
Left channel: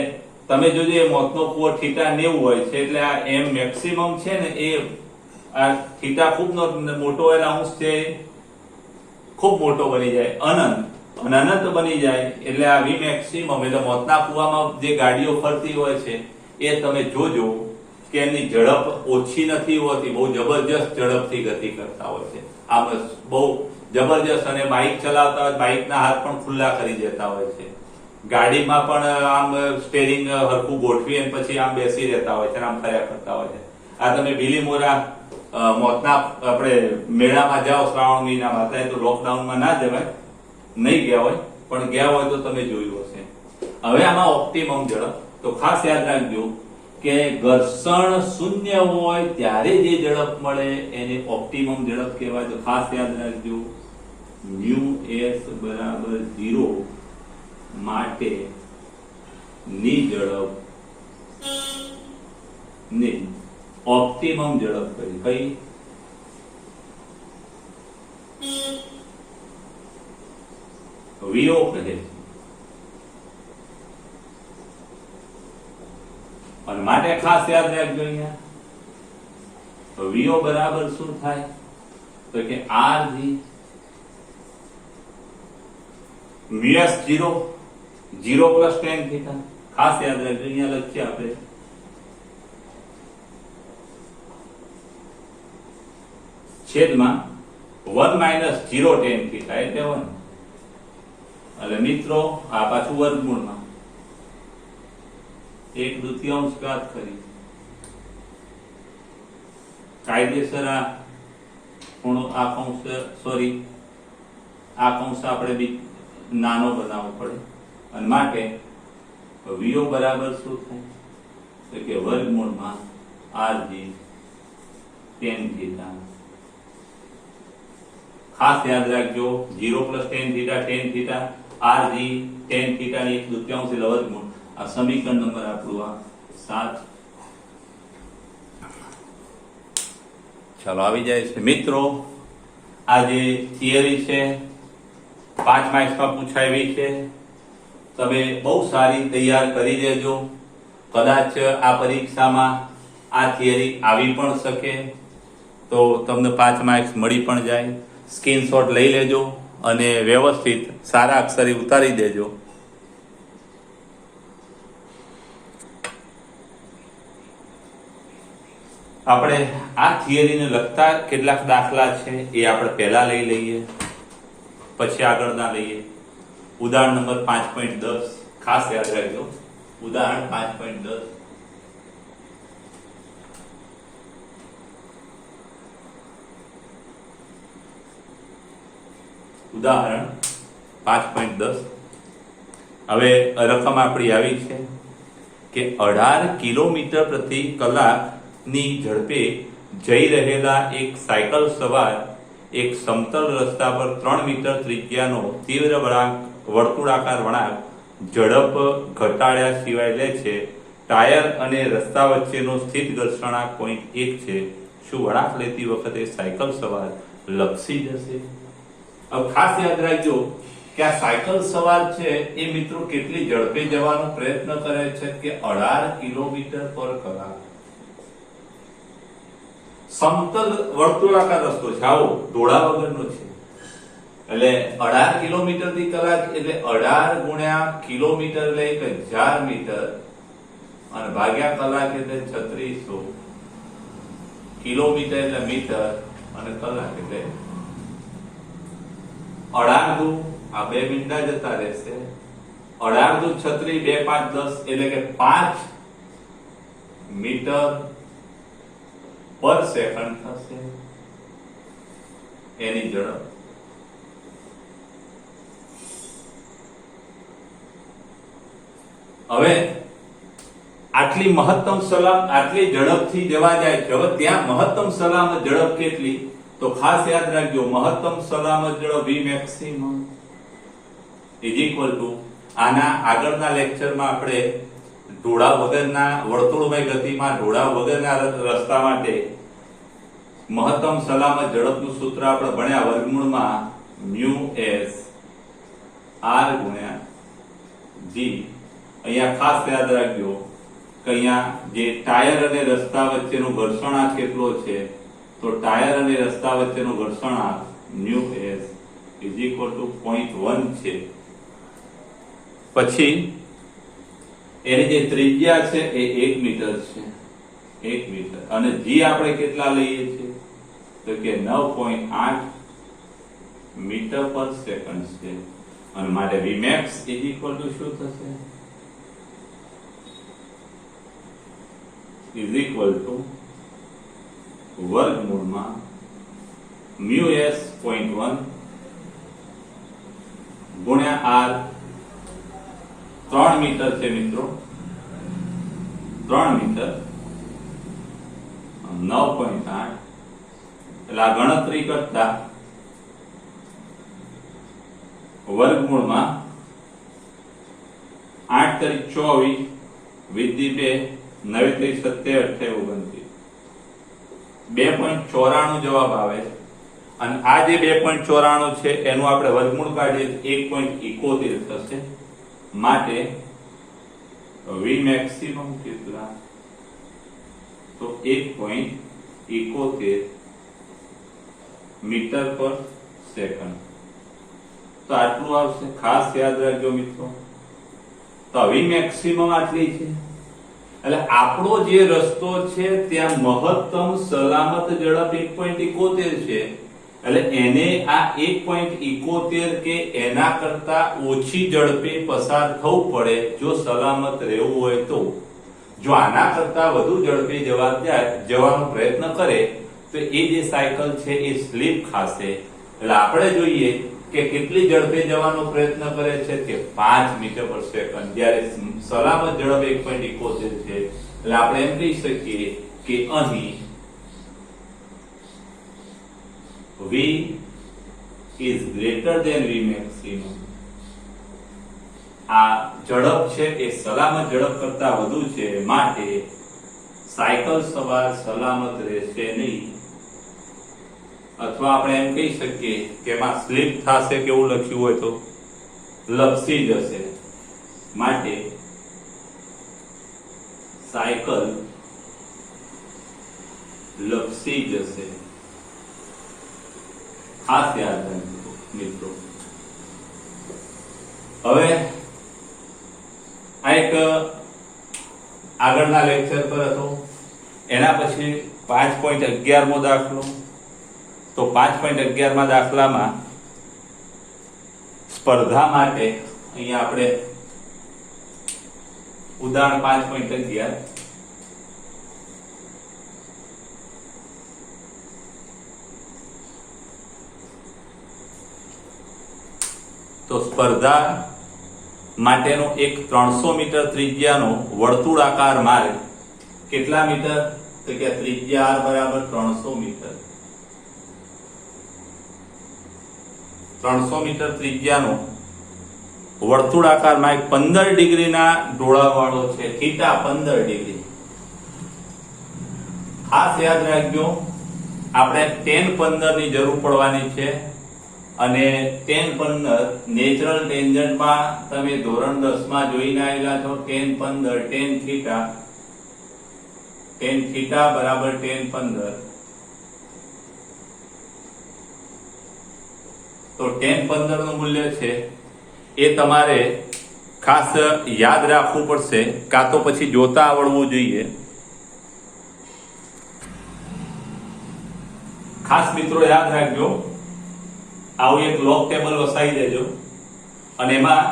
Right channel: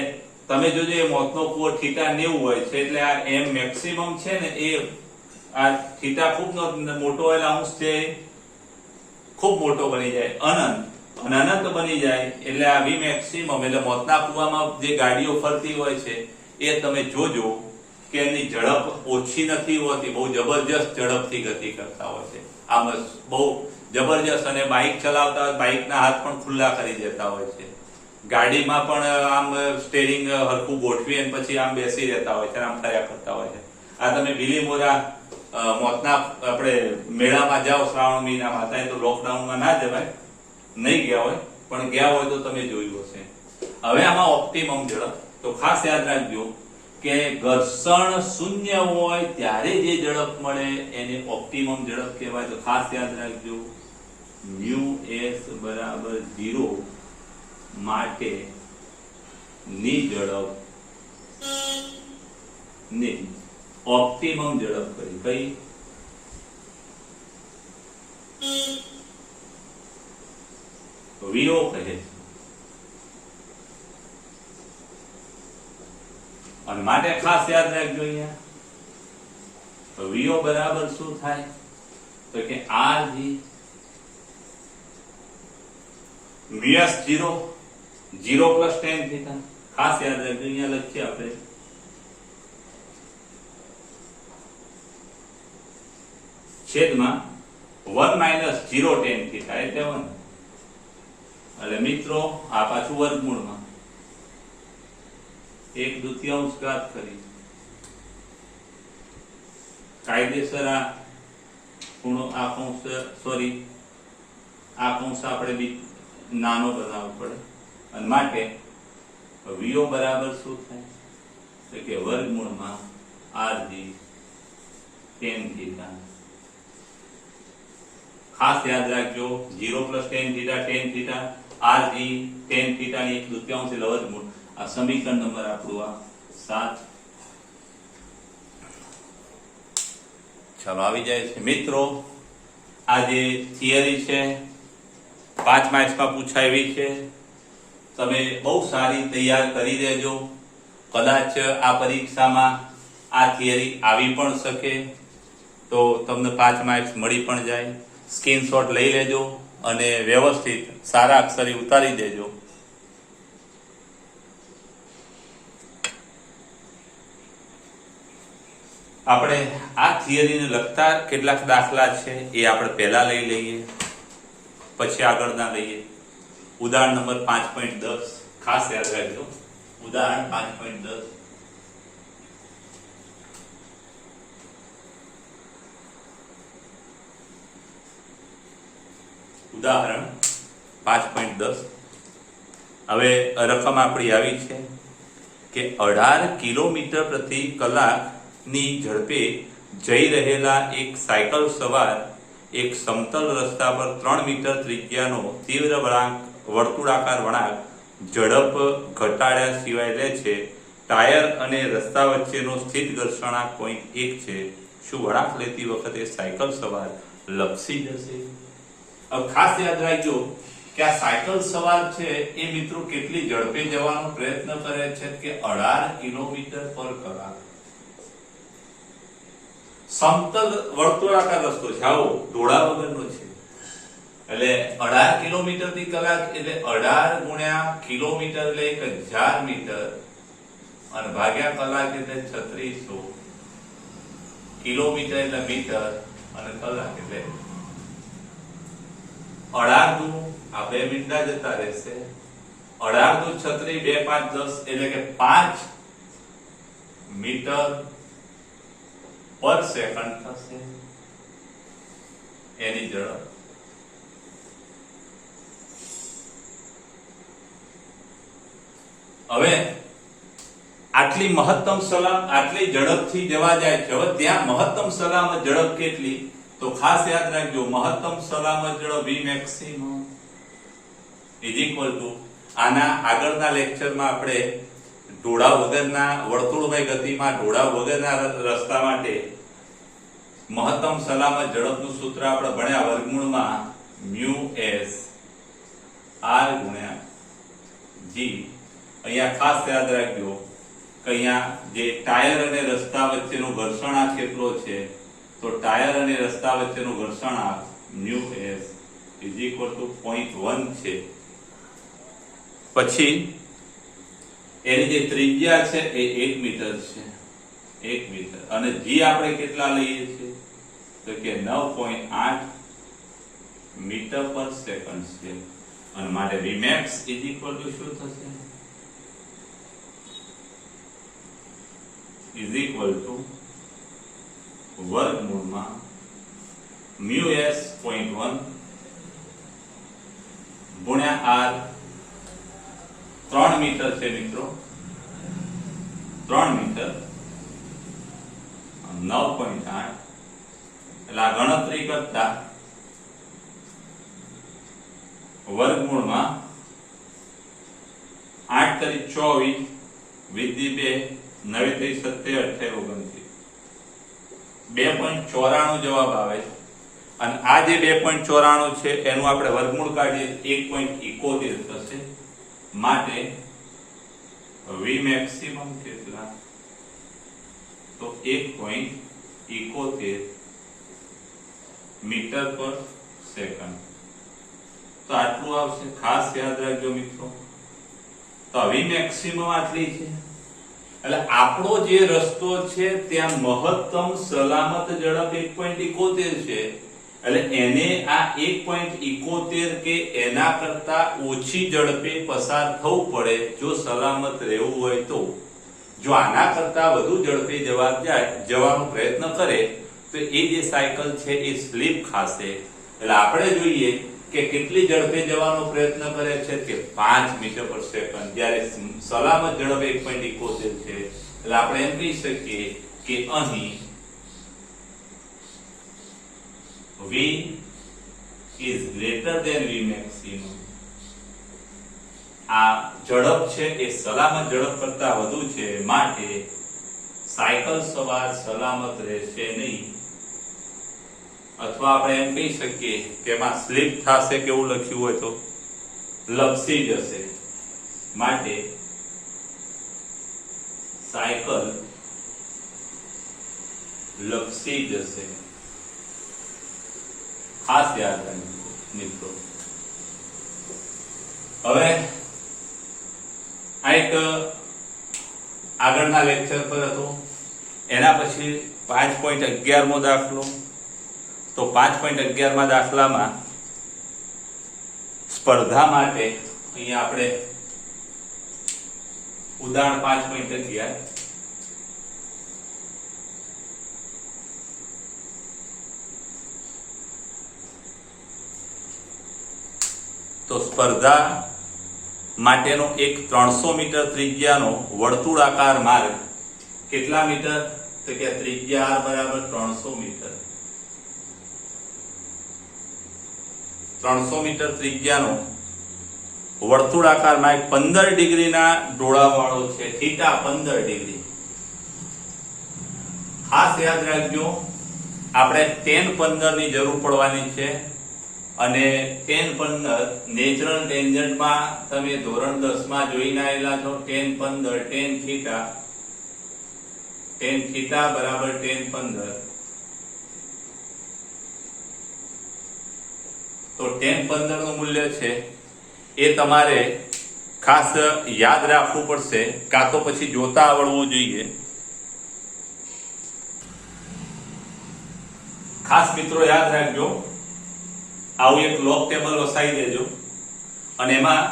તમે જોજો એ મોતનો કૂવો થીટા 90 હોય છે એટલે આ m મેક્સિમમ છે ને એ આ થીટા ખૂબ મોટો હોય અંશ છે ખૂબ મોટો બની જાય, અનંત બની જાય. એટલે આ v મેક્સિમમ એટલે મોતના કૂવામાં જે ગાડીઓ ફરતી હોય છે એ તમે જોજો કે એની ઝડપ ઓછી નથી હોતી, બહુ જબરજસ્ત ઝડપથી ગતિ કરતા હોય છે. આમ બહુ જબરજસ્ત, અને બાઇક ચલાવતા બાઇકના હાથ પણ ખુલ્લા કરી દેતા હોય છે. ગાડીમાં પણ આમ સ્ટેરિંગ હરખું ગોઠવી અને પછી આમ બેસી રહેતા હોય છે, આમ કર્યા કરતા હોય છે. આ તમે બીલીમોરા મોતના આપણે મેળામાં જાઓ શ્રાવણ મહિનામાં, અત્યારે તો લોકડાઉનમાં ના જવાય, નહીં ગયા હોય, પણ ગયા હોય તો તમે જોયું હશે. હવે આમાં ઓપ્ટિમમ ઝડપ, તો ખાસ યાદ રાખજો કે ઘર્ષણ શૂન્ય હોય ત્યારે જે ઝડપ મળે એને ઓપ્ટિમમ ઝડપ કહેવાય. તો ખાસ યાદ રાખજો µs બરાબર 0 માટે ની ઝડપ ને ઓપ્ટિમમ ઝડપ કઈ VO કહે છે. અને માટે ખાસ યાદ રાખજો અહીંયા VO બરાબર શું થાય તો કે RG µs 0 plus tan theta. ખાસ યાદ રાખજો અહીંયા લખીએ આપણે છેદમાં 1 માઇનસ 0 tan થીટા એટલે 1. એટલે મિત્રો આ પાછું વર્ગમૂળમાં 1/2 ઘાત કરી કાયદેસર આ ખૂણો આ કૌંસ આ કૌંસ આપણે નાનો બનાવવો પડે. અને માટે VO બરાબર શું થાય તો કે વર્ગમૂળમાં RG tan થીટા. ખાસ યાદ રાખજો 0 plus tan theta RG tan theta ની 1/2 એટલે વર્ગમૂળ. આ સમીકરણ નંબર આપણું આ 7. ચાલો આવી જાય છે મિત્રો. આ જે થિયરી છે 5 માર્ક્સમાં પૂછાયેલી છે, તમે બહુ સારી તૈયાર કરી દેજો. કદાચ આ પરીક્ષામાં આ થિયરી આવી પણ શકે તો તમને 5 માર્ક્સ મળી પણ જાય. સ્ક્રીનશોટ લઈ લેજો અને વ્યવસ્થિત સારા અક્ષરે ઉતારી દેજો. આપણે આ થિયરીને લગતા કેટલાક દાખલા છે એ આપણે પહેલા લઈ લઈએ, પછી આગળના લઈએ. ઉદાહરણ નંબર 5.10 ખાસ યાદ રાખજો. ઉદાહરણ 5.10 ઉદાહરણ 5.10. હવે રકમ આપણી આવી છે કે 18 કિલોમીટર પ્રતિ કલાકની ઝડપે જઈ રહેલા એક સાયકલ સવાર એક સમતલ રસ્તા પર 3 મીટર ત્રિજ્યાનો તીવ્ર વર્તુળાકાર વળાંક ઝડપ ઘટાડ્યા સિવાય લે છે. ટાયર અને રસ્તા વચ્ચેનો સ્થિત ઘર્ષણાંક 0.1 છે. શું વળાંક લેતી વખતે સાયકલ સવાર લપસી જશે? હવે ખાસ યાદ રાખજો કે આ સાયકલ સવાર છે એ મિત્રો કેટલી ઝડપે જવાનો પ્રયત્ન કરે છે કે 18 કિલોમીટર પર કલાક. સમતલ વર્તુળાકાર રસ્તો છે, આવો ઢોળા વગરનો છે, એટલે 18 કિલોમીટર થી કલાક એટલે 18 ગુણ્યા કિલોમીટર એટલે 1000 મીટર અને ભાગ્યા કલાક એટલે 3600 કિલોમીટર એટલે મીટર અને કલાક એટલે 18 આ 2 મિનિટ જતા રહેશે. 18 36 2 5 10 એટલે કે 5 મીટર પર સેકન્ડ થશે એની ઝડપ. હવે આટલી મહત્તમ સલામત આટલી ઝડપથી જવા જાય છે. હવે ત્યાં મહત્તમ સલામત ઝડપ કેટલી તો ખાસ યાદ રાખજો મહત્તમ સલામત ઝડપ V maximum આના આગળના લેક્ચરમાં આપણે ઢોળા વગરના વર્તુળમય ગતિમાં ઢોળા વગરના રસ્તા માટે મહત્તમ સલામત ઝડપનું સૂત્ર આપણે ભણ્યા વર્ગમૂળમાં µs r ગુણ્યા g. અહીંયા ખાસ યાદ રાખજો કે અહીંયા જે ટાયર અને રસ્તા વચ્ચેનો ઘર્ષણાંક કેટલો છે તો ટાયર અને રસ્તા વચ્ચેનો ઘર્ષણાંક µs = 0.1 છે. પછી એની જે ત્રિજ્યા છે એ 1 મીટર છે. 1 મીટર અને જી આપણે કેટલા લઈએ છીએ તો કે 9.8 મીટર પર સેકન્ડ સ્ક્વેર અને મારે Vmax શું થશે વર્ગમૂળમાં μs 0.1 ગુણ્યા r 3 મીટર છે મિત્રો 3 મીટર 9.8 એટલે આ ગણતરી કરતા વર્ગમૂળમાં 8 કરી 24 વિધિ 2 9 કરી 27 28 2.94 જવાબ આવે અને આ જે 2.94 છે એનું આપણે વર્ગમૂળ કાઢીએ 1.71 થશે માટે V maximum કેટલા તો 1.71 મીટર પર સેકન્ડ તો આટલું આવશે ખાસ યાદ રાખજો મિત્રો તો V maximum આટલી છે એટલે આપણો જે રસ્તો છે ત્યાં મહત્તમ સલામત ઝડપ 1.71 છે એટલે એને આ 1.71 કે એના કરતા ઓછી ઝડપે પસાર થવું પડે જો સલામત રહેવું હોય તો જો આના કરતા વધુ ઝડપે જવાનો પ્રયત્ન કરે તો એ જે સાયકલ છે એ સ્લીપ ખાશે એટલે આપણે જોઈએ કે કેટલી ઝડપે જવાનો પ્રયત્ન કરે છે કે 5 મીટર પર સેકન્ડ જ્યારે સલામત ઝડપ 1.71 છે એટલે આપણે એમ કહી શકીએ કે અહીં V is greater than V maximum આ ઝડપ છે એ સલામત ઝડપ કરતા વધુ છે માટે સાયકલ સવાર સલામત રહેશે નહીં અથવા આપણે એમ કહી શકીએ કે એમાં સ્લીપ થશે કેવું લખ્યું હોય તો લપસી જશે માટે સાયકલ લપસી જશે ખાસ યાદ રાખજો મિત્રો હવે આ એક આગળના લેક્ચર પર હતો એના પછી 5.11 મો દાખલો તો 5.11 માં દાખલામાં સ્પર્ધા માટે અહીંયા આપણે ઉદાહરણ 5.11 તો સ્પર્ધા માટેનો એક 300 મીટર ત્રિજ્યાનો વર્તુળાકાર માર્ગ કેટલા મીટર તો કે ત્રિજ્યા r બરાબર 300 મીટર 300 મીટર ત્રિજ્યાનો વર્તુળાકાર માર્ગ 15 ડિગ્રીના ઢોળાવવાળો છે થીટા 15 ડિગ્રી ખાસ યાદ રાખજો આપણે tan 15 ની જરૂર પડવાની છે અને tan 15 નેચરલ ટેન્જન્ટમાં તમે ધોરણ 10 માં જોઈને આવેલા છો tan 15 tan થીટા બરાબર tan 15 તો tan 15 નું મૂલ્ય છે એ તમારે ખાસ યાદ રાખવું પડશે કાં તો પછી જોતા આવડવું જોઈએ ખાસ મિત્રો યાદ રાખજો આવું એક લોગ ટેબલ વસાવી દેજો અને એમાં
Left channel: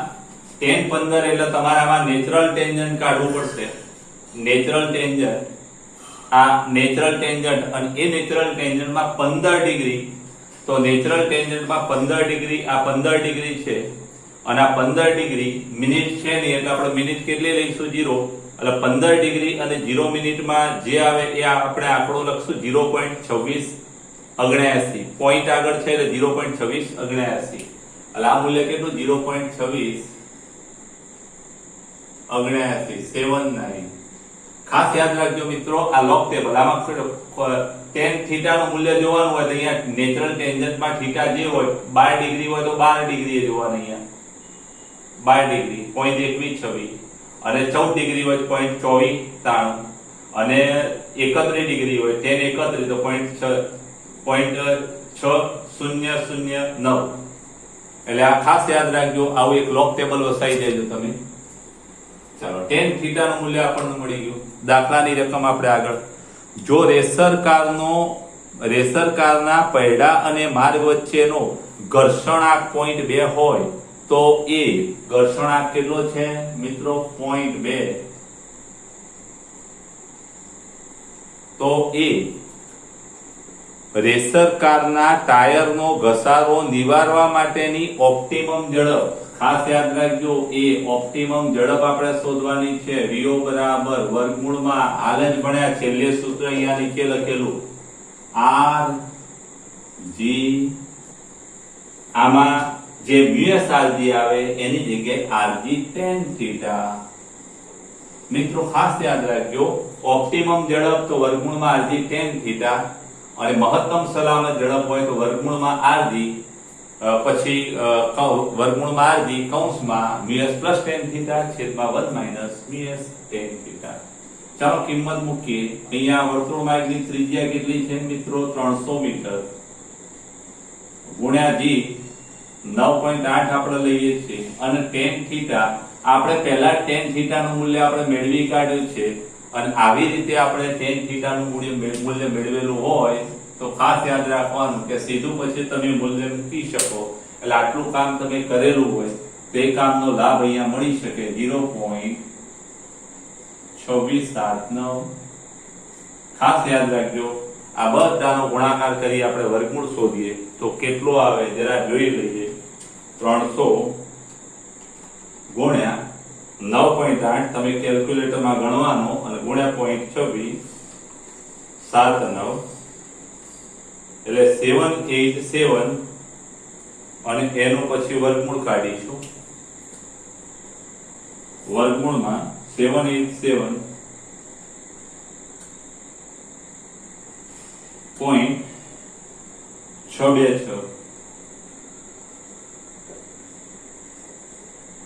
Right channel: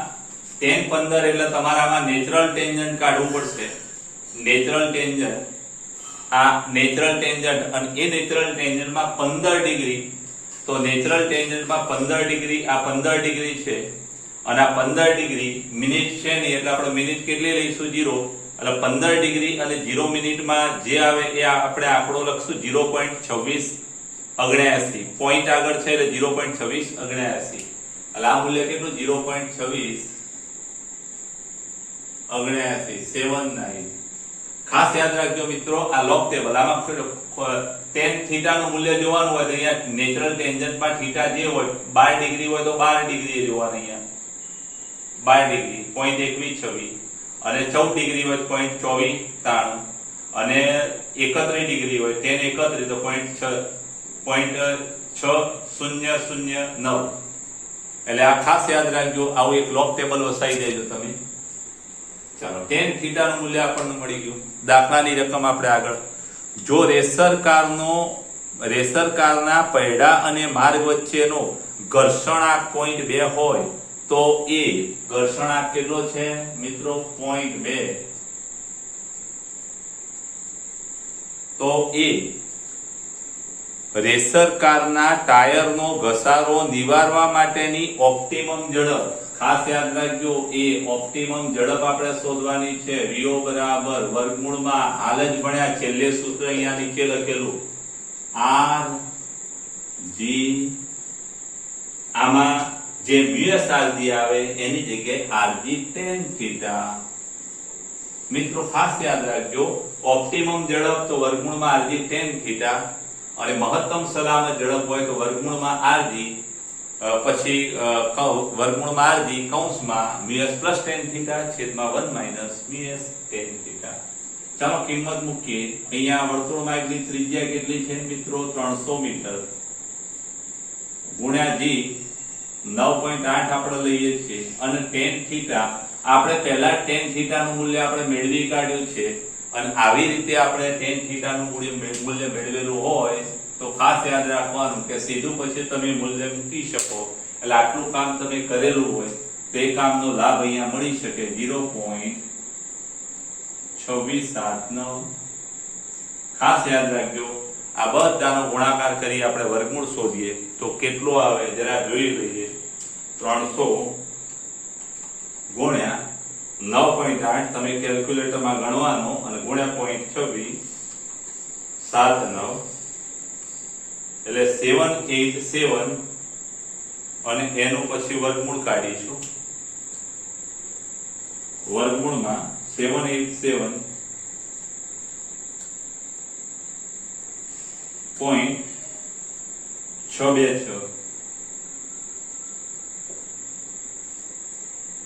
tan 15 એટલે તમારામાં નેચરલ ટેન્જન્ટ કાઢવું પડશે નેચરલ ટેન્જન્ટ આ નેચરલ ટેન્જન્ટ અને એ નેચરલ ટેન્જન્ટમાં 15 ડિગ્રી તો નેચરલ ટેન્જન્ટમાં 15 ડિગ્રી આ 15 ડિગ્રી છે અને આ 15 ડિગ્રી મિનિટ છે નહીં એટલે આપણે મિનિટ કેટલી લઈશું 0 એટલે 15 ડિગ્રી અને 0 મિનિટમાં જે આવે એ આપણે આંકડો લખશું 0.26 79 પોઈન્ટ આગળ છે એટલે 0.26 79 એટલે આ મૂલ્ય કેટલું 0.26 79 ખાસ યાદ રાખજો મિત્રો આ લોગ ટેબલ આમાં tan થીટા નું મૂલ્ય જોવાનું હોય તો અહીંયા નેચરલ ટેન્જન્ટમાં થીટા જે હોય 12 ડિગ્રી હોય તો 12 ડિગ્રી જોવાનું અહીંયા 12 ડિગ્રી 0.21 અને 14 ડિગ્રી હોય તો 0.24 અને 31 ડિગ્રી હોય tan 31 તો 0.6009 એટલે આ ખાસ યાદ રાખજો આવું એક લોગ ટેબલ વસાવી દેજો તમે ચાલો tan થીટા નું મૂલ્ય આપણને મળી ગયું દાખલાની રકમ આપણે આગળ જો રેસર કારના પૈડા અને માર્ગ વચ્ચેનો ઘર્ષણાંક 0.2 હોય તો એ ઘર્ષણાંક કેટલો છે મિત્રો 0.2, તો એ રેસર કારના ટાયરનો ઘસારો નિવારવા માટેની ઓપ્ટિમમ ઝડપ, ખાસ યાદ રાખજો એ ઓપ્ટિમમ ઝડપ આપણે શોધવાની છે. VO બરાબર વર્ગમૂળમાં હાલ જ ભણ્યા છેલ્લે સૂત્ર અહીંયા નીચે લખેલું R G, આમાં જે મ્યુએસ RG આવે એની જગ્યાએ RG tan થીટા. મિત્રો ખાસ યાદ રાખજો ઓપ્ટિમમ ઝડપ તો વર્ગમૂળમાં RG tan થીટા અને મહત્તમ સલામત ઝડપ હોય તો વર્ગમૂળમાં RG પછી વર્ગમૂળમાં RG કૌંસમાં મ્યુએસ પ્લસ tan થીટા છેદમાં 1 માઈનસ મ્યુએસ tan થીટા. ચાલો કિંમત મૂકીએ. અહીંયા વર્તુળ માર્ગની ત્રિજ્યા કેટલી છે મિત્રો 300 મીટર ગુણ્યા g 9.8 આપણે લઈએ છીએ અને tan થીટા આપણે પહેલા tan થીટા નું મૂલ્ય આપણે મેળવી કાઢ્યું છે અને આવી રીતે આપણે tan થીટા નું મૂલ્ય મેળવેલું હોય તો ખાસ યાદ રાખવાનું કે સીધું પછી તમે મૂલ્ય મૂકી શકો એટલે આટલું કામ તમે કરેલું હોય તે કામનો લાભ અહીંયા મળી શકે 0.2679. ખાસ યાદ રાખજો આ બધાનો ગુણાકાર કરી આપણે વર્ગમૂળ શોધીએ તો કેટલો આવે જરા જોઈ લઈએ. 300 ગુણ્યા 9.8 તમે કેલ્ક્યુલેટરમાં ગણવાનો અને ગુણ્યા 0.2679 એટલે 787 અને એનું પછી વર્ગમૂળ કાઢીશું. વર્ગમૂળમાં 787.626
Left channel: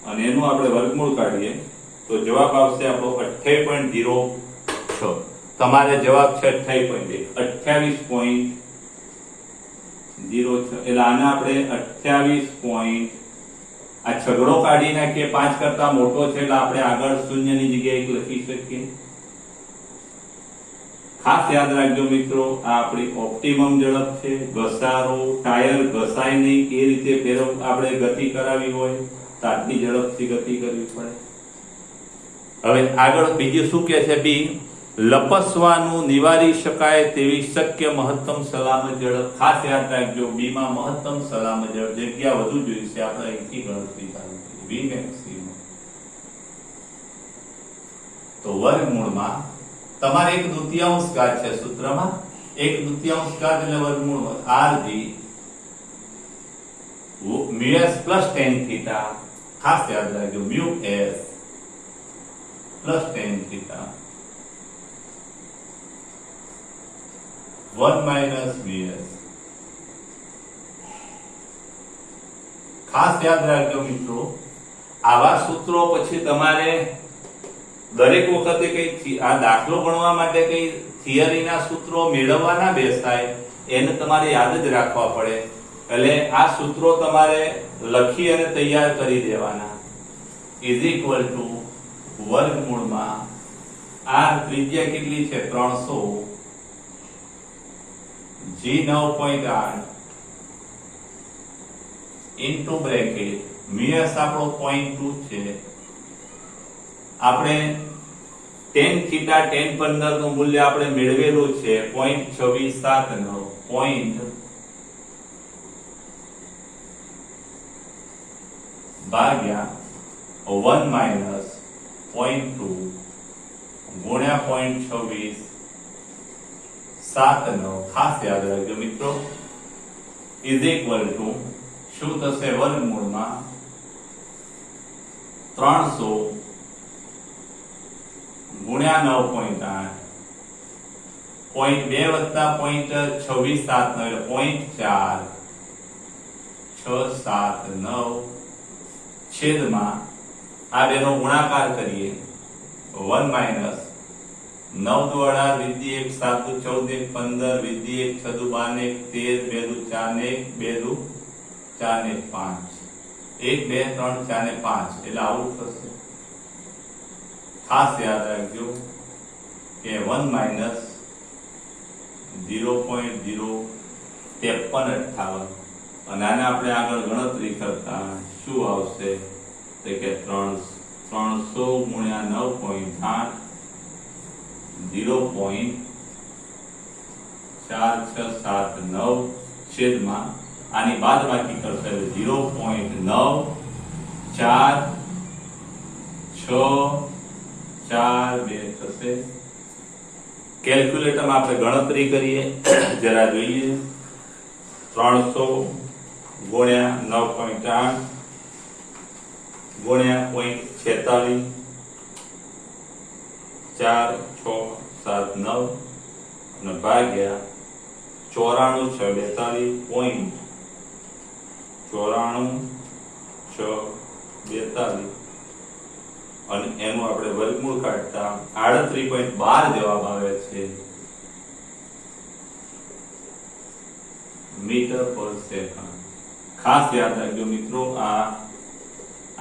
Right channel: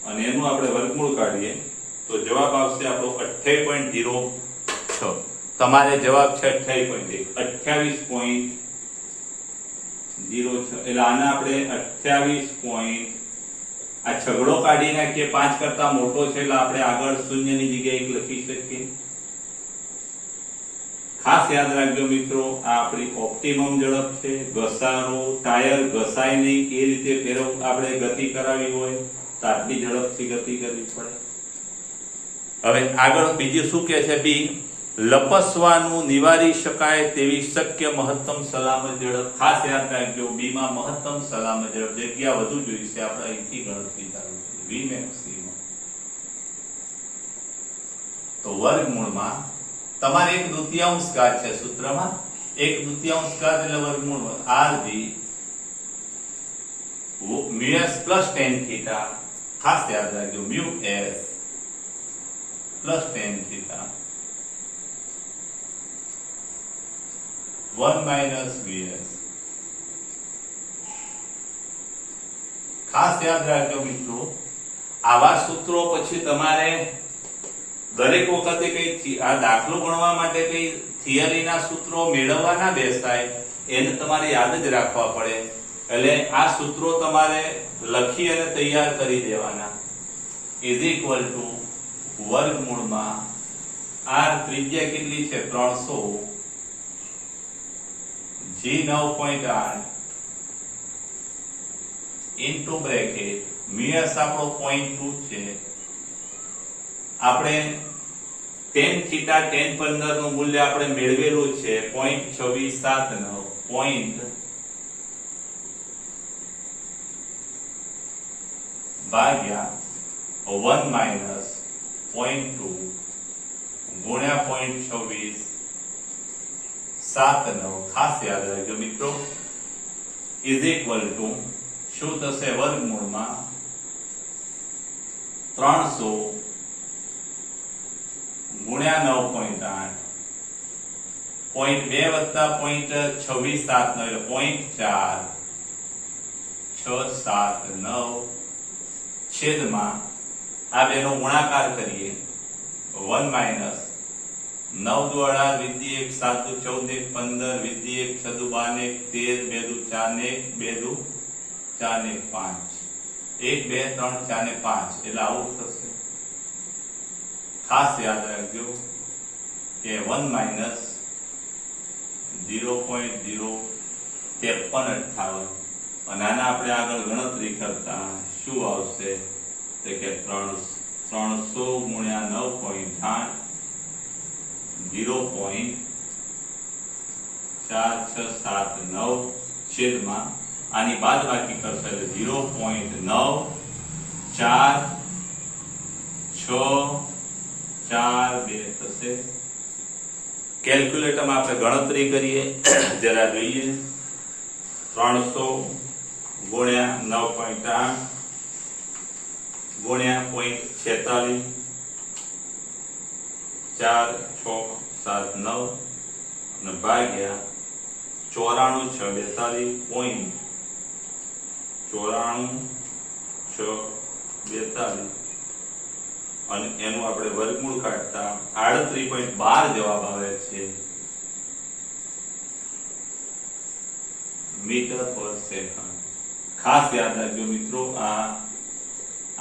અને એનું આપણે વર્ગમૂળ કાઢીએ તો જવાબ આવશે આપણો 28.06. તમારે જવાબ છે 28.06 એટલે આના આપણે 28. આ છગડો કાઢી નાખીએ 5 કરતા મોટો છે એટલે આપણે આગળ શૂન્યની જગ્યાએ 1 લખી શકીએ. ખાસ યાદ રાખજો મિત્રો આ આપણી ઓપ્ટિમમ ઝડપ છે. ઘસારો ટાયર ઘસાય નહીં એ રીતે આપણે ગતિ કરાવી હોય તો આટલી ઝડપથી ગતિ કરવી પડે. હવે આગળ બીજું શું કહે છે બી લપસવાનું નિવારી શકાય તેવી શક્ય મહત્તમ સલામત ઝડપ. ખાસ યાદ રાખજો બી માં મહત્તમ સલામત ઝડપ જગ્યા વધુ જોઈશે આપણે અહીંથી ગણતરી કરવી છે વી મેક્સિમમ. તો વર્ગમૂળમાં તમારે 1/2 ઘાત છે સૂત્રમાં 1/2 ઘાત એટલે વર્ગમૂળ RG mu s plus tan theta. ખાસ યાદ રાખજો mu s plus tan theta 1 minus mu s. ખાસ યાદ રાખજો મિત્રો આવા સૂત્રો પછી તમારે દરેક વખતે કઈ આ દાખલો ગણવા માટે કઈ થિયરીના સૂત્રો મેળવવા ના બેસાય એને તમારે યાદ જ રાખવા પડે. એટલે આ સૂત્રો તમારે લખી અને તૈયાર કરી દેવાના. ઇઝ ઇક્વલ ટુ વર્ગમૂળમાં આ ત્રિજ્યા કેટલી છે 300 g 9.8 ઇન્ટુ બ્રેકેટ મ્યુએસ આપણો 0.2 છે. આપણે tan થીટા tan 15 નું મૂલ્ય આપણે મેળવેલું છે 0.2679 ભાગ્યા 1 માઈનસ 0.2 ગુણ્યા 0.2679. ખાસ યાદ રાખજો મિત્રો ઇઝ ઇક્વલ ટુ શું થશે વર્ગમૂળમાં 300 ગુણ્યા 9.8 0.2 વત્તા 0.2679 એટલે 0.4679 છેદમાં આ બેનો ગુણાકાર કરીએ 1 માઈનસ 9 દુ 18 વિધિ 1 7 દુ 14 15 વિધિ 1 6 દુ 12 13 2 દુ 4 1 2 દુ 4 1 5 1 2 3 4 ને 5 એટલે આવું થશે. ખાસ યાદ રાખજો કે 1 માઈનસ 0.05358 અને આના આપણે આગળ ગણતરી કરતા શું આવશે તો કે 300 ગુણ્યા 9.8 0.4679 છેદમાં આની બાદબાકી કરશે એટલે 0.44642 થશે. કેલ્ક્યુલેટરમાં આપણે ગણતરી કરીએ જરા જોઈએ. 300 ગુણ્યા 9.8 ગુણ્યા 0.46 4679 અને ભાગ્યા 94,642 અને એનું આપણે વર્ગમૂળ કાઢતા 38.12 જવાબ આવે છે મીટર પર સેકન્ડ. ખાસ યાદ રાખજો મિત્રો, આ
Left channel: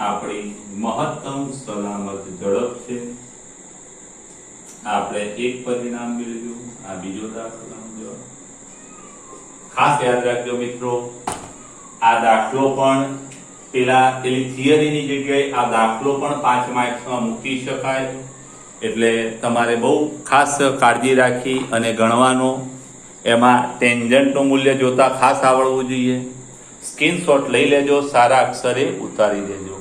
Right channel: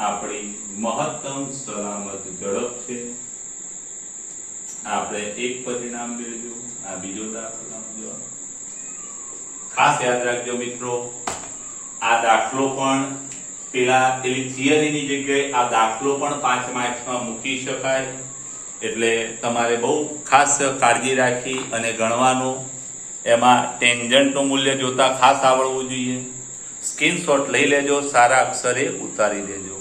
આપણી મહત્તમ સલામત ઝડપ છે. આપણે એક પરિણામ મેળવ્યું, આ બીજો દાખલો. ખાસ યાદ રાખજો મિત્રો, આ દાખલો પણ પેલી થિયરીની જગ્યાએ આ દાખલો પણ 5 માર્ક્સમાં મૂકી શકાય. એટલે તમારે બહુ ખાસ કાળજી રાખી અને ગણવાનું. એમાં ટેન્જન્ટનું મૂલ્ય જોતા ખાસ આવડવું જોઈએ. સ્ક્રીનશોટ લઈ લેજો, સારા અક્ષરે ઉતારી દેજો.